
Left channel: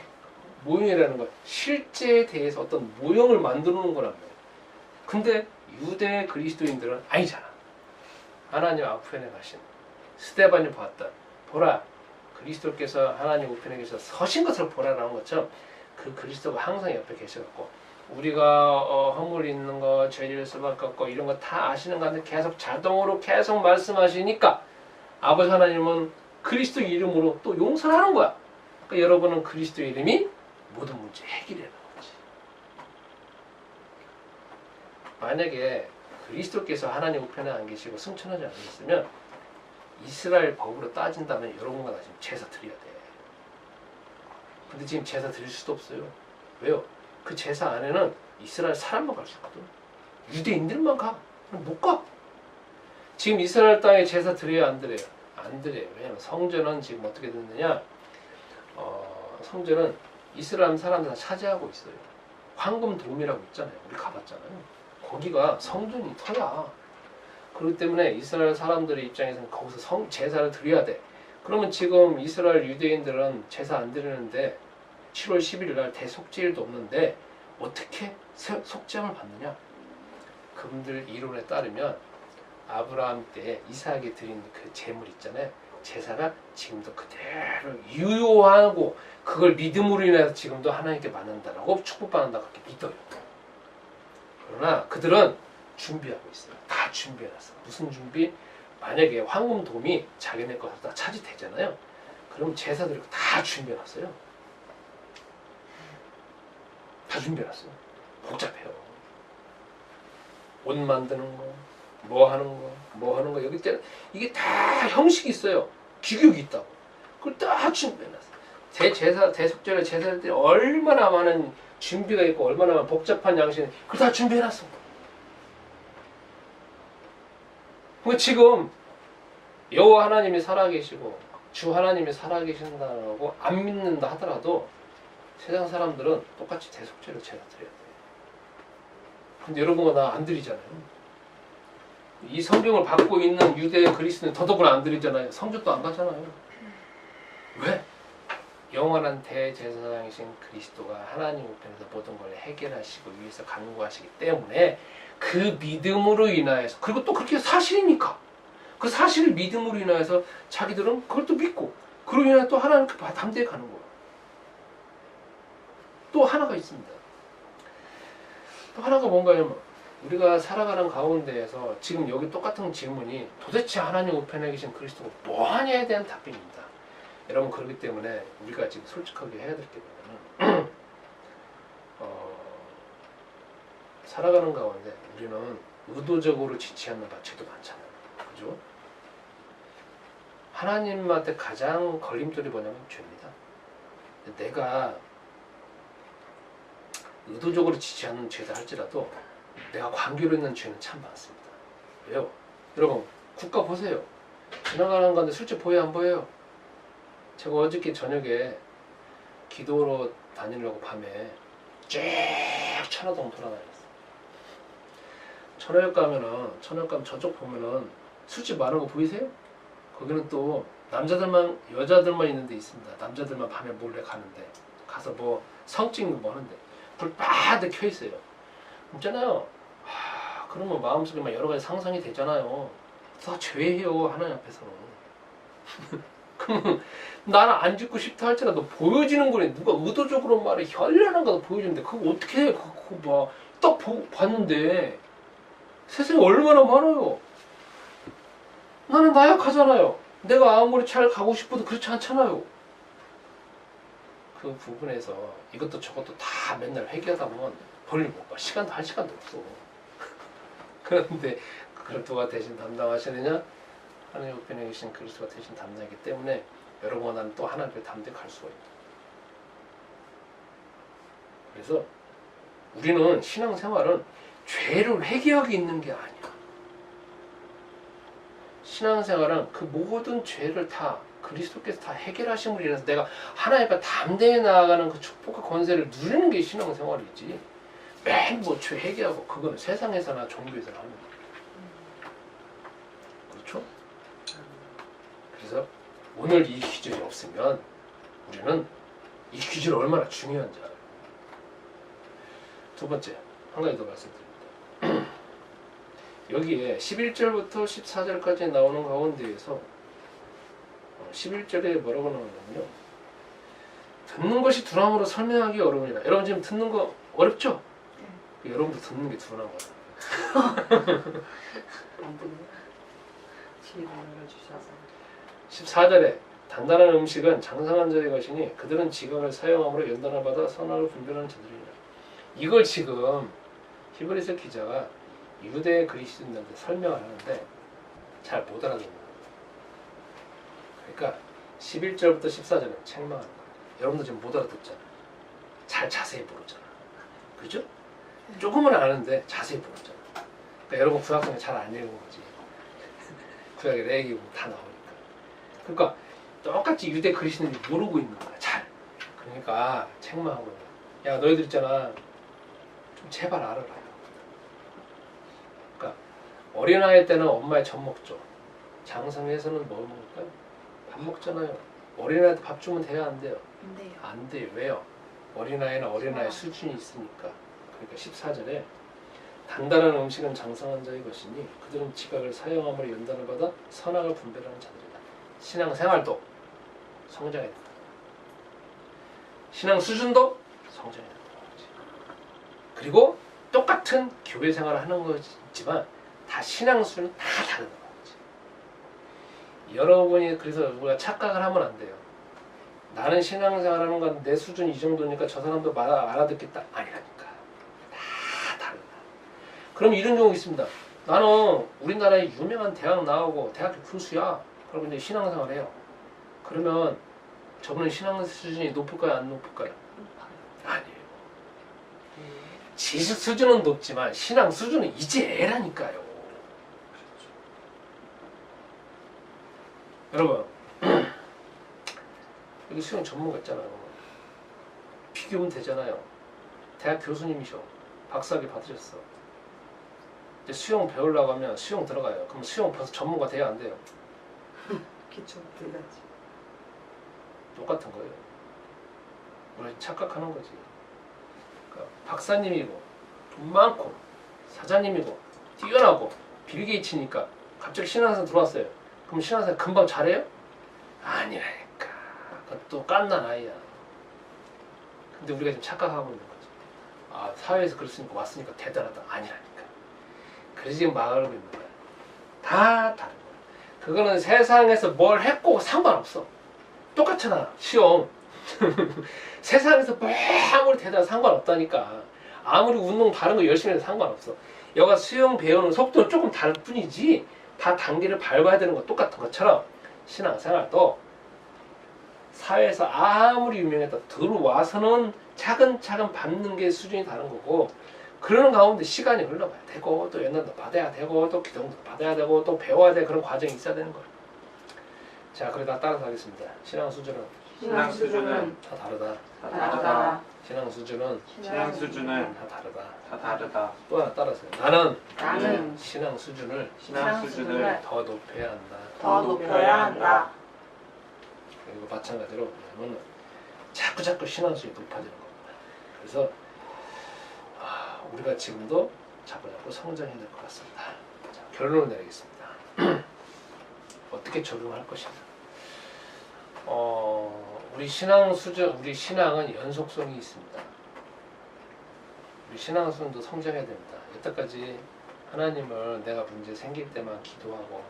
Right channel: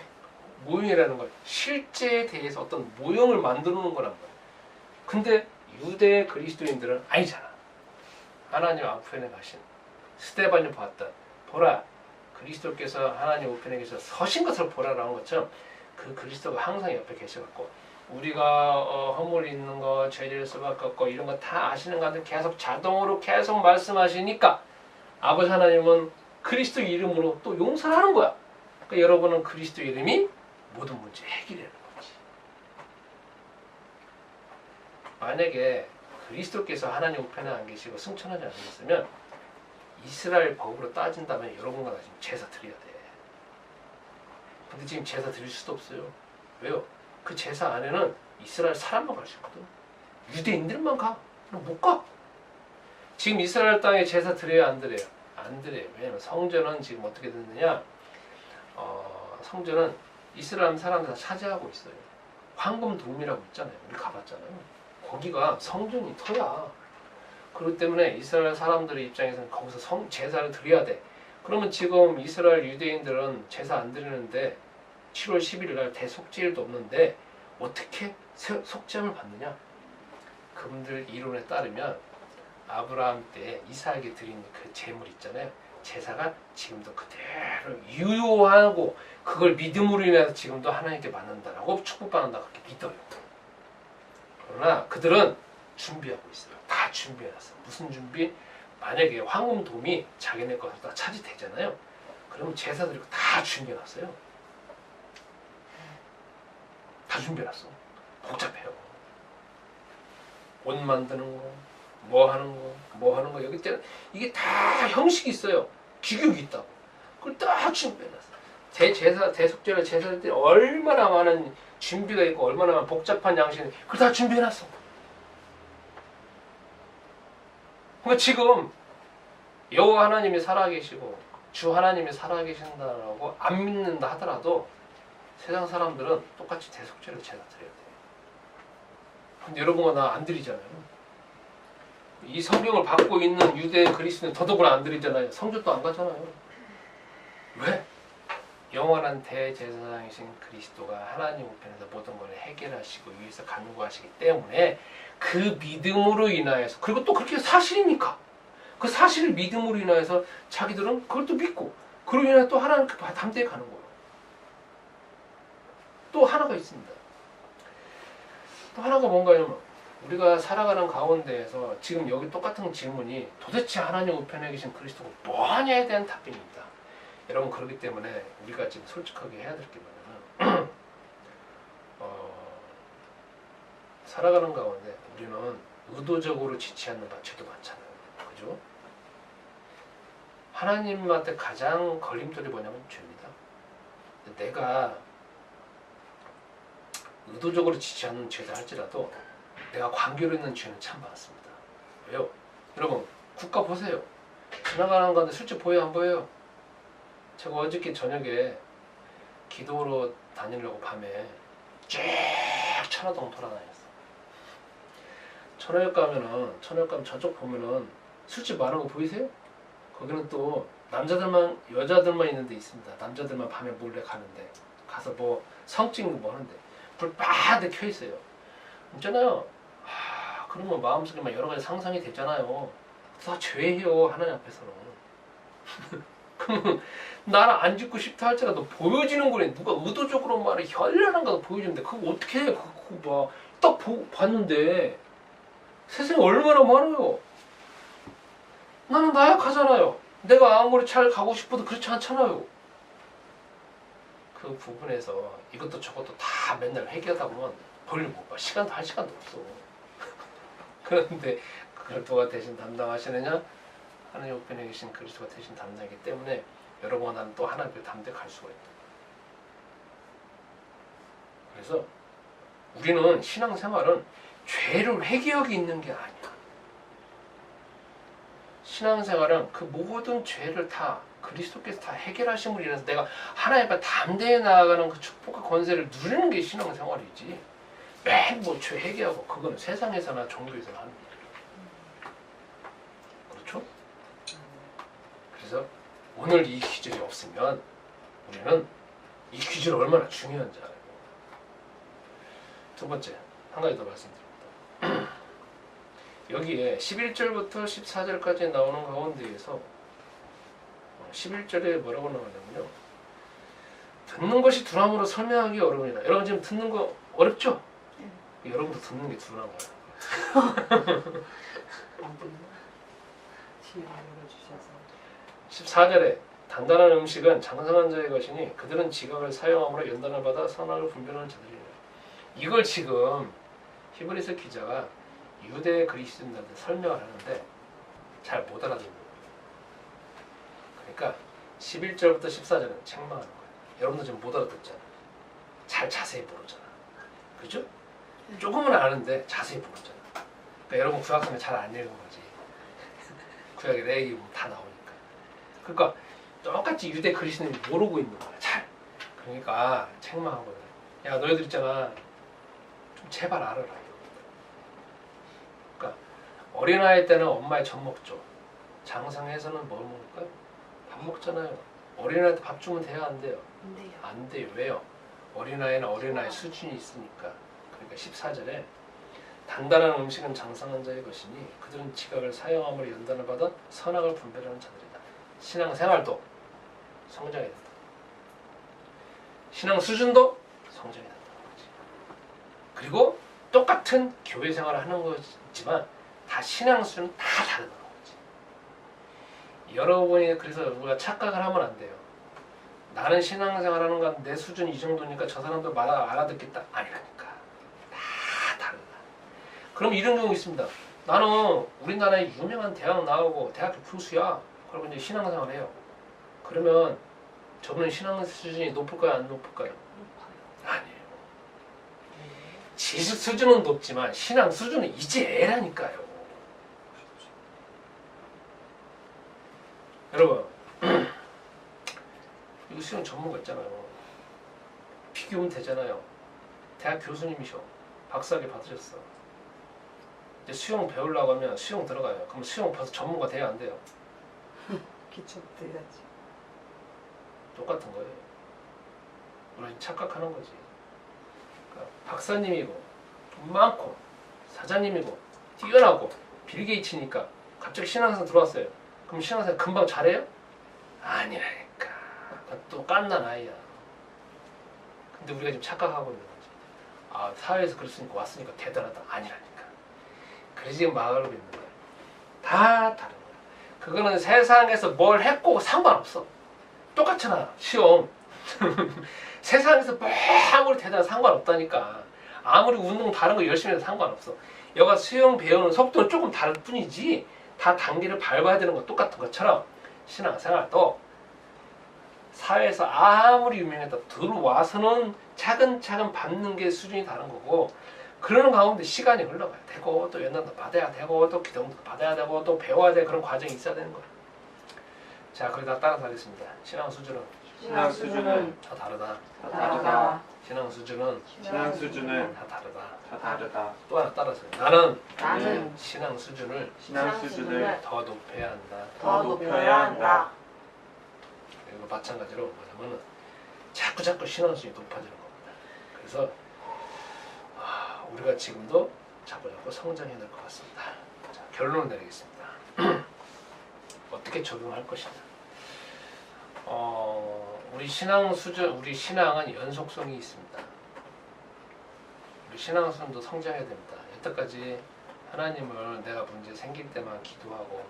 모형이라는 건 실제에 대해서 어떤 모형을 만들어 놓은 거란 말이야. 근데 유대 그리스도인들은 아니잖아. 하나님 우편에 가신 스데반이 봤다. 보라. 그리스도께서 하나님 우편에 계셔 서신 것을 보라라는 것처럼 그 그리스도가 항상 옆에 계셔갖고 우리가 허물 있는 거, 죄질 수밖에 없고 이런 거 다 아시는 가운데 계속 자동으로 계속 말씀하시니까 아버지 하나님은 그리스도 이름으로 또 용서를 하는 거야. 그러니까 여러분은 그리스도 이름이 모든 문제 해결하는 거지. 만약에 그리스도께서 하나님 우편에 안 계시고 승천하지 않으셨으면 이스라엘 법으로 따진다면 여러분과 나 지금 제사 드려야 돼. 근데 지금 제사 드릴 수도 없어요. 왜요? 그 제사 안에는 이스라엘 사람만 갈 수 있거든. 유대인들만 가. 그럼 못 가. 지금 이스라엘 땅에 제사 드려야 안 드려요? 안 드려요. 왜냐면 성전은 지금 어떻게 됐느냐? 성전은 이스라엘 사람들 다 차지하고 있어요. 황금돔이라고 있잖아요. 우리 가봤잖아요. 거기가 성전이 터야. 그렇기 때문에 이스라엘 사람들의 입장에서는 거기서 제사를 드려야 돼. 그러면 지금 이스라엘 유대인들은 제사 안 드리는데 7월 11일 날 대속죄일도 없는데 어떻게 속죄함을 받느냐? 그분들 이론에 따르면 아브라함 때 이삭에게 드린 그 제물 있잖아요. 제사가 지금도 그대로 유효하고 그걸 믿음으로 인해서 지금도 하나님께 받는다라고 축복받는다고 그렇게 믿어요. 그러나 그들은 준비하고 있어요. 다 준비해놨어. 무슨 준비? 만약에 황금돔이 자기네 것을 다 차지되잖아요. 그러면 제사드리고 다 준비해놨어요. 다 준비해놨어. 복잡해요. 옷 만드는 거, 뭐 하는 거 여기 때 이게 다 형식이 있어요. 규격이 있다고. 그걸 딱 준비해놨어. 대속죄를 제사할 때 얼마나 많은 준비가 있고 얼마나 많은 복잡한 양식 그걸 다 준비해놨어. 그러니까 지금 여호와 하나님이 살아계시고 주 하나님이 살아계신다고 안 믿는다 하더라도 세상 사람들은 똑같이 대속죄를 제사 드려야 돼. 근데 여러분과 나 안 드리잖아요. 이 성경을 받고 있는 유대 그리스도는 더더구나 안 드리잖아요. 성전도 안 가잖아요. 왜? 영원한 대제사장이신 그리스도가 하나님 우편에서 모든 걸 해결하시고 위해서 간구하시기 때문에 그 믿음으로 인하여서 그리고 또 그렇게 사실이니까 그 사실을 믿음으로 인하여서 자기들은 그걸 또 믿고 그로 인해 또 하나님 담대히 가는 거예요. 또 하나가 있습니다. 또 하나가 뭔가요? 우리가 살아가는 가운데에서 지금 여기 똑같은 질문이 도대체 하나님 우편에 계신 그리스도가 뭐하냐에 대한 답변입니다. 여러분 그렇기 때문에 우리가 지금 솔직하게 해야 될 게 뭐냐면 살아가는 가운데 우리는 의도적으로 지치 않는 죄도 많잖아요. 그죠? 하나님한테 가장 걸림돌이 뭐냐면 죄입니다. 내가 의도적으로 지치 않는 죄다 할지라도 내가 관계로 있는 죄는 참 많습니다. 왜요? 여러분 국가 보세요. 지나가는 건데 실제 보여요 안 보여요? 제가 어저께 저녁에 기도로 다니려고 밤에 쭉 천화동 돌아다녔어. 천화역 가면은 저쪽 보면은 술집 많은 거 보이세요? 거기는 또 남자들만 여자들만 있는 데 있습니다. 남자들만 밤에 몰래 가는데 가서 뭐 성찍는 뭐 하는데 불 빠르게 켜 있어요. 있잖아요. 그러면 마음속에 막 여러 가지 상상이 되잖아요. 다 죄예요 하나님 앞에서는. 그러면 나는 안 죽고 싶다 할지라도 보여지는 거래. 누가 의도적으로 말해 현란한 거 보여주는데 그거 어떻게 해? 그거 딱 봤는데 세상에 얼마나 많아요. 나는 나약하잖아요. 내가 아무리 잘 가고 싶어도 그렇지 않잖아요. 그 부분에서 이것도 저것도 다 맨날 회개하다 보면 볼일 못 봐. 시간도 할 시간도 없어. 그런데 그걸 누가 대신 담당하시느냐? 하나님 우편에 계신 그리스도가 대신 담당이기 때문에 여러분과 나는 또 하나님께 담대히 갈 수가 있다. 그래서 우리는 신앙생활은 죄를 회개하기 있는 게 아니야. 신앙생활은 그 모든 죄를 다 그리스도께서 다 해결하심으로 인해서 내가 하나님 앞에 담대히 나아가는 그 축복과 권세를 누리는 게 신앙생활이지. 맨 뭐 죄 회개하고 그거는 세상에서나 종교에서나 하는 거예요. 그렇죠? 그래서 오늘 이 기준이 없으면 우리는 이 기준이 얼마나 중요한지 알아요. 두 번째, 한 가지 더 말씀드립니다. 여기에 11절부터 14절까지 나오는 가운데에서 11절에 뭐라고 나오냐면요. 듣는 것이 두려움으로 설명하기 어려우니라. 여러분 지금 듣는 거 어렵죠? 여러분도 듣는 게 두려운 거야. 14절에 단단한 음식은 장성한 자의 것이니 그들은 지각을 사용함으로 연단을 받아 선악을 분별하는 자들이라. 이걸 지금 히브리서 기자가 유대 그리스도인들한테 설명을 하는데 잘 못 알아듣는 거예요. 그러니까 11절부터 14절은 책망하는 거예요. 여러분들 지금 못 알아듣잖아. 잘 자세히 모르잖아. 그죠? 조금은 아는데 자세히 모르잖아. 그러니까 여러분 구약성경 잘 안 읽은 거지. 구약에 레위기 보면 다 나오니까. 그러니까 똑같이 유대 그리스도인이 모르고 있는 거야. 잘. 그러니까 책망한 거야. 야 너희들 있잖아. 좀 제발 알아라. 그러니까 어린아이 때는 엄마의 젖 먹죠. 장성에서는 뭘 먹을까요? 밥 먹잖아요. 어린아이한테 밥 주면 돼요? 안 돼요? 안 돼요. 안 돼요. 왜요? 어린아이는 어린아이 수준이 있으니까. 그러니까 14절에 단단한 음식은 장성한 자의 것이니 그들은 지각을 사용함으로 연단을 받아 선악을 분별하는 자들이다. 신앙생활도 성장해야 된다. 신앙 수준도 성장해야 된다는 거지. 그리고 똑같은 교회 생활을 하는 거지만 다 신앙 수준은 다 다르다는 거지. 여러분이 그래서 우리가 착각을 하면 안 돼요. 나는 신앙생활 하는 건 내 수준이 이 정도니까 저 사람도 알아듣겠다. 아니라니까. 다 다르다. 그럼 이런 경우 있습니다. 나는 우리나라의 유명한 대학 나오고 대학교 교수야. 그리고 이제 신앙생활 해요. 그러면 저분은 신앙 수준이 높을까요? 안 높을까요? 아니에요. 지수 수준은 높지만 신앙 수준은 이제 애라니까요. 여러분 여기 수영 전문가 있잖아요. 비교하면 되잖아요. 대학 교수님이셔. 박사학위 받으셨어. 이제 수영 배우려고 하면 수영 들어가요. 그럼 수영 벌써 전문가 돼야 안 돼요? 기초부터 해야지. 똑같은 거예요. 우리가 지금 착각하는 거지. 그러니까 박사님이고 돈 많고 사장님이고 뛰어나고 빌 게이츠니까 갑자기 신앙생 들어왔어요. 그럼 신앙생 금방 잘해요? 아니라니까. 또 깐난 아이야. 근데 우리가 지금 착각하고 있는 거지. 아 사회에서 그랬으니까 왔으니까 대단하다. 아니라니까. 그래서 지금 망하고 있는 거야. 다 다른 거야. 그거는 세상에서 뭘 했고 상관없어. 똑같잖아. 시험. 세상에서 뭐 아무리 대단한 상관없다니까. 아무리 운동 다른 거 열심히 해도 상관없어. 여가 수영 배우는 속도는 조금 다를 뿐이지 다 단계를 밟아야 되는 거 똑같은 것처럼 신앙생활도 사회에서 아무리 유명했다 들어와서는 차근차근 밟는 게 수준이 다른 거고 그러는 가운데 시간이 흘러가야 되고 또 연단도 받아야 되고 또 기도도 받아야 되고 또 배워야 돼. 그런 과정이 있어야 되는 거야. 자, 그러다 따라서 하겠습니다. 신앙 수준은 신앙 수준은 다 다르다. 다 다르다. 신앙 수준은 신앙 수준은 다 다르다. 다 다르다. 또 하나 따라서요. 나는 나는 신앙 수준을 신앙 수준을 더 높여야 한다. 더 높여야 한다. 그리고 마찬가지로 뭐냐면은 자꾸 신앙 수준이 높아지는 겁니다. 그래서 우리가 지금도 자꾸 성장해야 될 것 같습니다. 자, 결론을 내리겠습니다. 어떻게 적용할 것이냐. 우리 신앙 수준, 우리 신앙은 연속성이 있습니다. 우리 신앙 수준도 성장해야 됩니다. 여태까지 하나님을 내가 문제 생길 때만 기도하고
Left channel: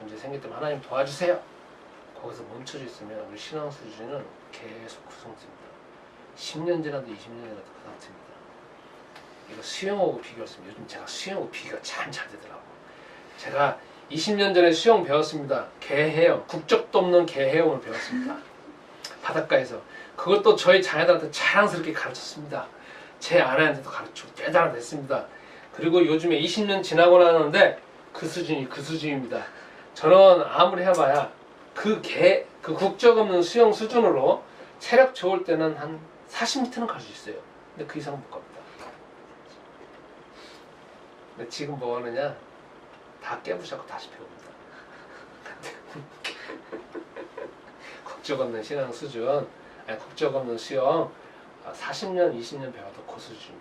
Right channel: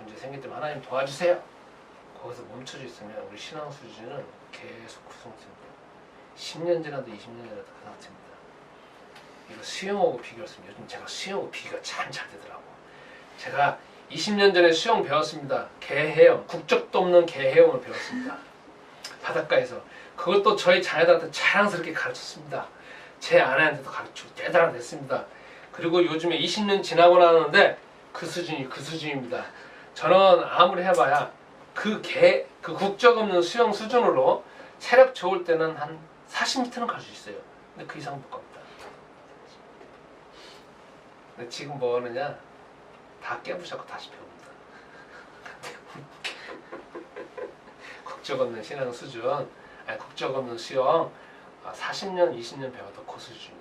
문제 생길 때만 하나님 도와주세요. 거기서 멈춰져 있으면 우리 신앙 수준은 계속 그 상태입니다. 10년 지나도 20년 지나도 그 상태입니다. 이거 수영하고 비교했습니다. 요즘 제가 수영하고 비교가 참 잘 되더라고. 제가 20년 전에 수영 배웠습니다. 개헤엄, 국적도 없는 개헤엄을 배웠습니다. 바닷가에서. 그것도 저희 자녀들한테 자랑스럽게 가르쳤습니다. 제 아내한테도 가르치고 대단한 됐습니다. 그리고 요즘에 20년 지나고 나는데 그 수준입니다. 저는 아무리 해봐야 그 국적 없는 수영 수준으로 체력 좋을 때는 한 40m는 갈 수 있어요. 근데 그 이상은 못 갑니다. 근데 지금 뭐 하느냐? 다 깨부셔서 다시 배웁니다. 국적 없는 신앙 수준, 국적 없는 수영 40년, 20년 배워도 그 수준이야.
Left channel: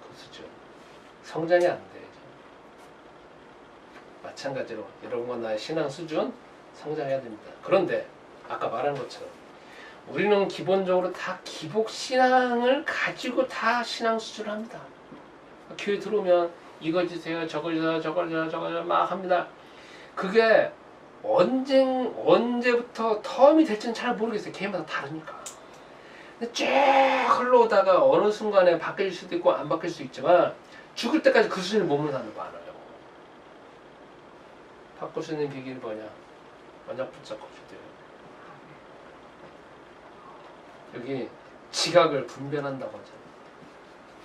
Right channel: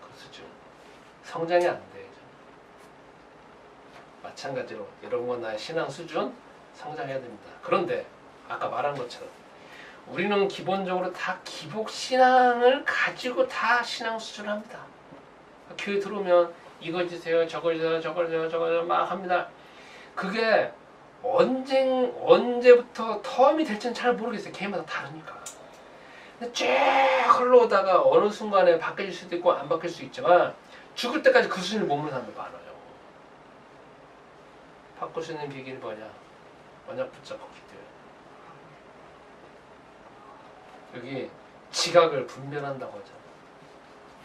그 수준. 성장이 안 돼요. 마찬가지로 여러분과 나의 신앙 수준 성장해야 됩니다. 그런데 아까 말한 것처럼 우리는 기본적으로 다 기복 신앙을 가지고 다 신앙 수준을 합니다. 교회 들어오면 이거 주세요, 저거 주세요, 저거 주세요, 저거 주세요 막 합니다. 그게 언제부터 텀이 될지는 잘 모르겠어요. 개인마다 다르니까. 근데 쭉 흘러오다가 어느 순간에 바뀔 수도 있고 안 바뀔 수도 있지만 죽을 때까지 그 수준을 머무는 사람들 많아요. 바꿀 수 있는 비결이 뭐냐? 언약 붙잡고 기도해요. 여기 지각을 분별한다고 하잖아.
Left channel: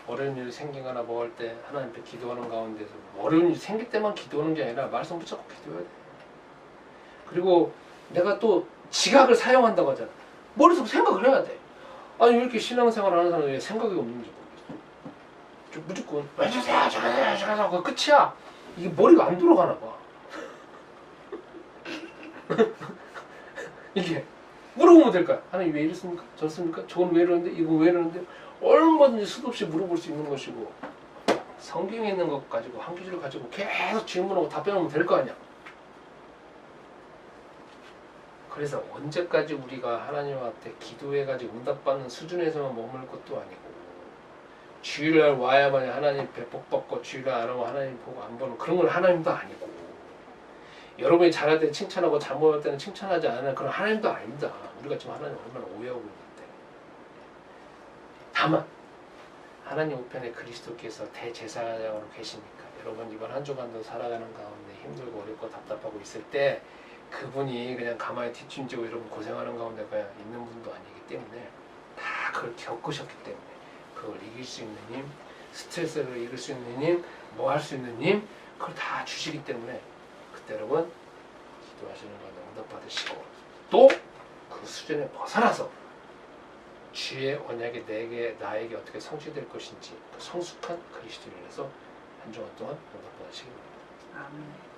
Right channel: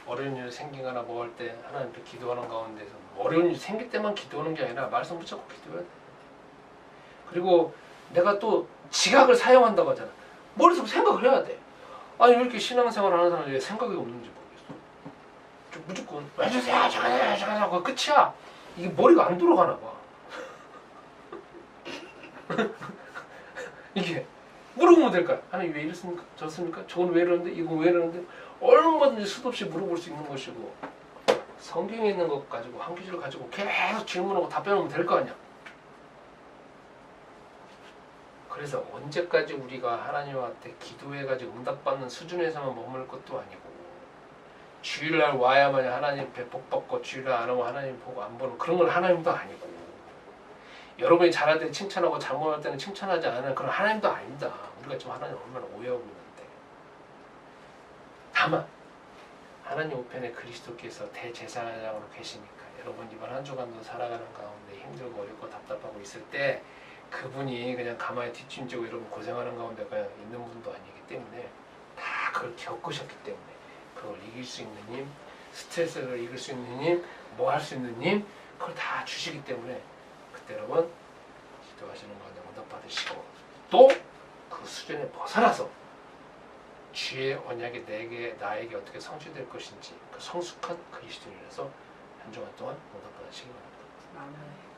어려운 일이 생기거나 뭐 할 때 하나님 앞에 기도하는 가운데서 어려운 일이 생길 때만 기도하는 게 아니라 말씀 붙잡고 기도해야 돼. 그리고 내가 또 지각을 사용한다고 하잖아. 머릿속에 생각을 해야 돼. 아니 왜 이렇게 신앙생활 하는 사람이 왜 생각이 없는지 모르겠어. 좀 무조건 해주세요 잠깐만 그거 끝이야. 이게 머리가 안 돌아가나 봐. 이게 물어보면 될까요? 하나님 왜 이랬습니까? 저랬습니까? 저건 왜 이러는데? 이건 왜 이러는데? 얼마든지 수도 없이 물어볼 수 있는 것이고 성경에 있는 것 가지고 한 구절을 가지고 계속 질문하고 답변하면 될 거 아니야. 그래서 언제까지 우리가 하나님한테 기도해가지고 응답받는 수준에서만 머물 것도 아니고 주일날 와야만 하나님 배 복받고 주일날 안 오면 하나님 보고 안 보는 그런 건 하나님도 아니고 여러분이 잘할 때 칭찬하고 잘못할 때는 칭찬하지 않는 그런 하나님도 아닙니다. 우리가 지금 하나님 얼마나 오해하고 있는데. 다만 하나님 우편에 그리스도께서 대제사장으로 계시니까 여러분 이번 한 주간도 살아가는 가운데 힘들고 어렵고 답답하고 있을 때 그분이 그냥 가만히 뒷짐지고 여러분 고생하는 가운데 그냥 있는 분도 아니기 때문에 다 그걸 겪으셨기 때문에 그걸 이길 수 있는 힘, 스트레스를 이길 수 있는 힘, 뭐 할 수 있는 힘 그걸 다 주시기 때문에 그때 여러분 기도하시는 가운데 응답 받으시고 또 그 수준에 벗어나서 주의 언약이 나에게 어떻게 성취될 것인지 그 성숙한 그리스도인이라서 한 주간 동안 응답 받으시기 바랍니다. 아멘.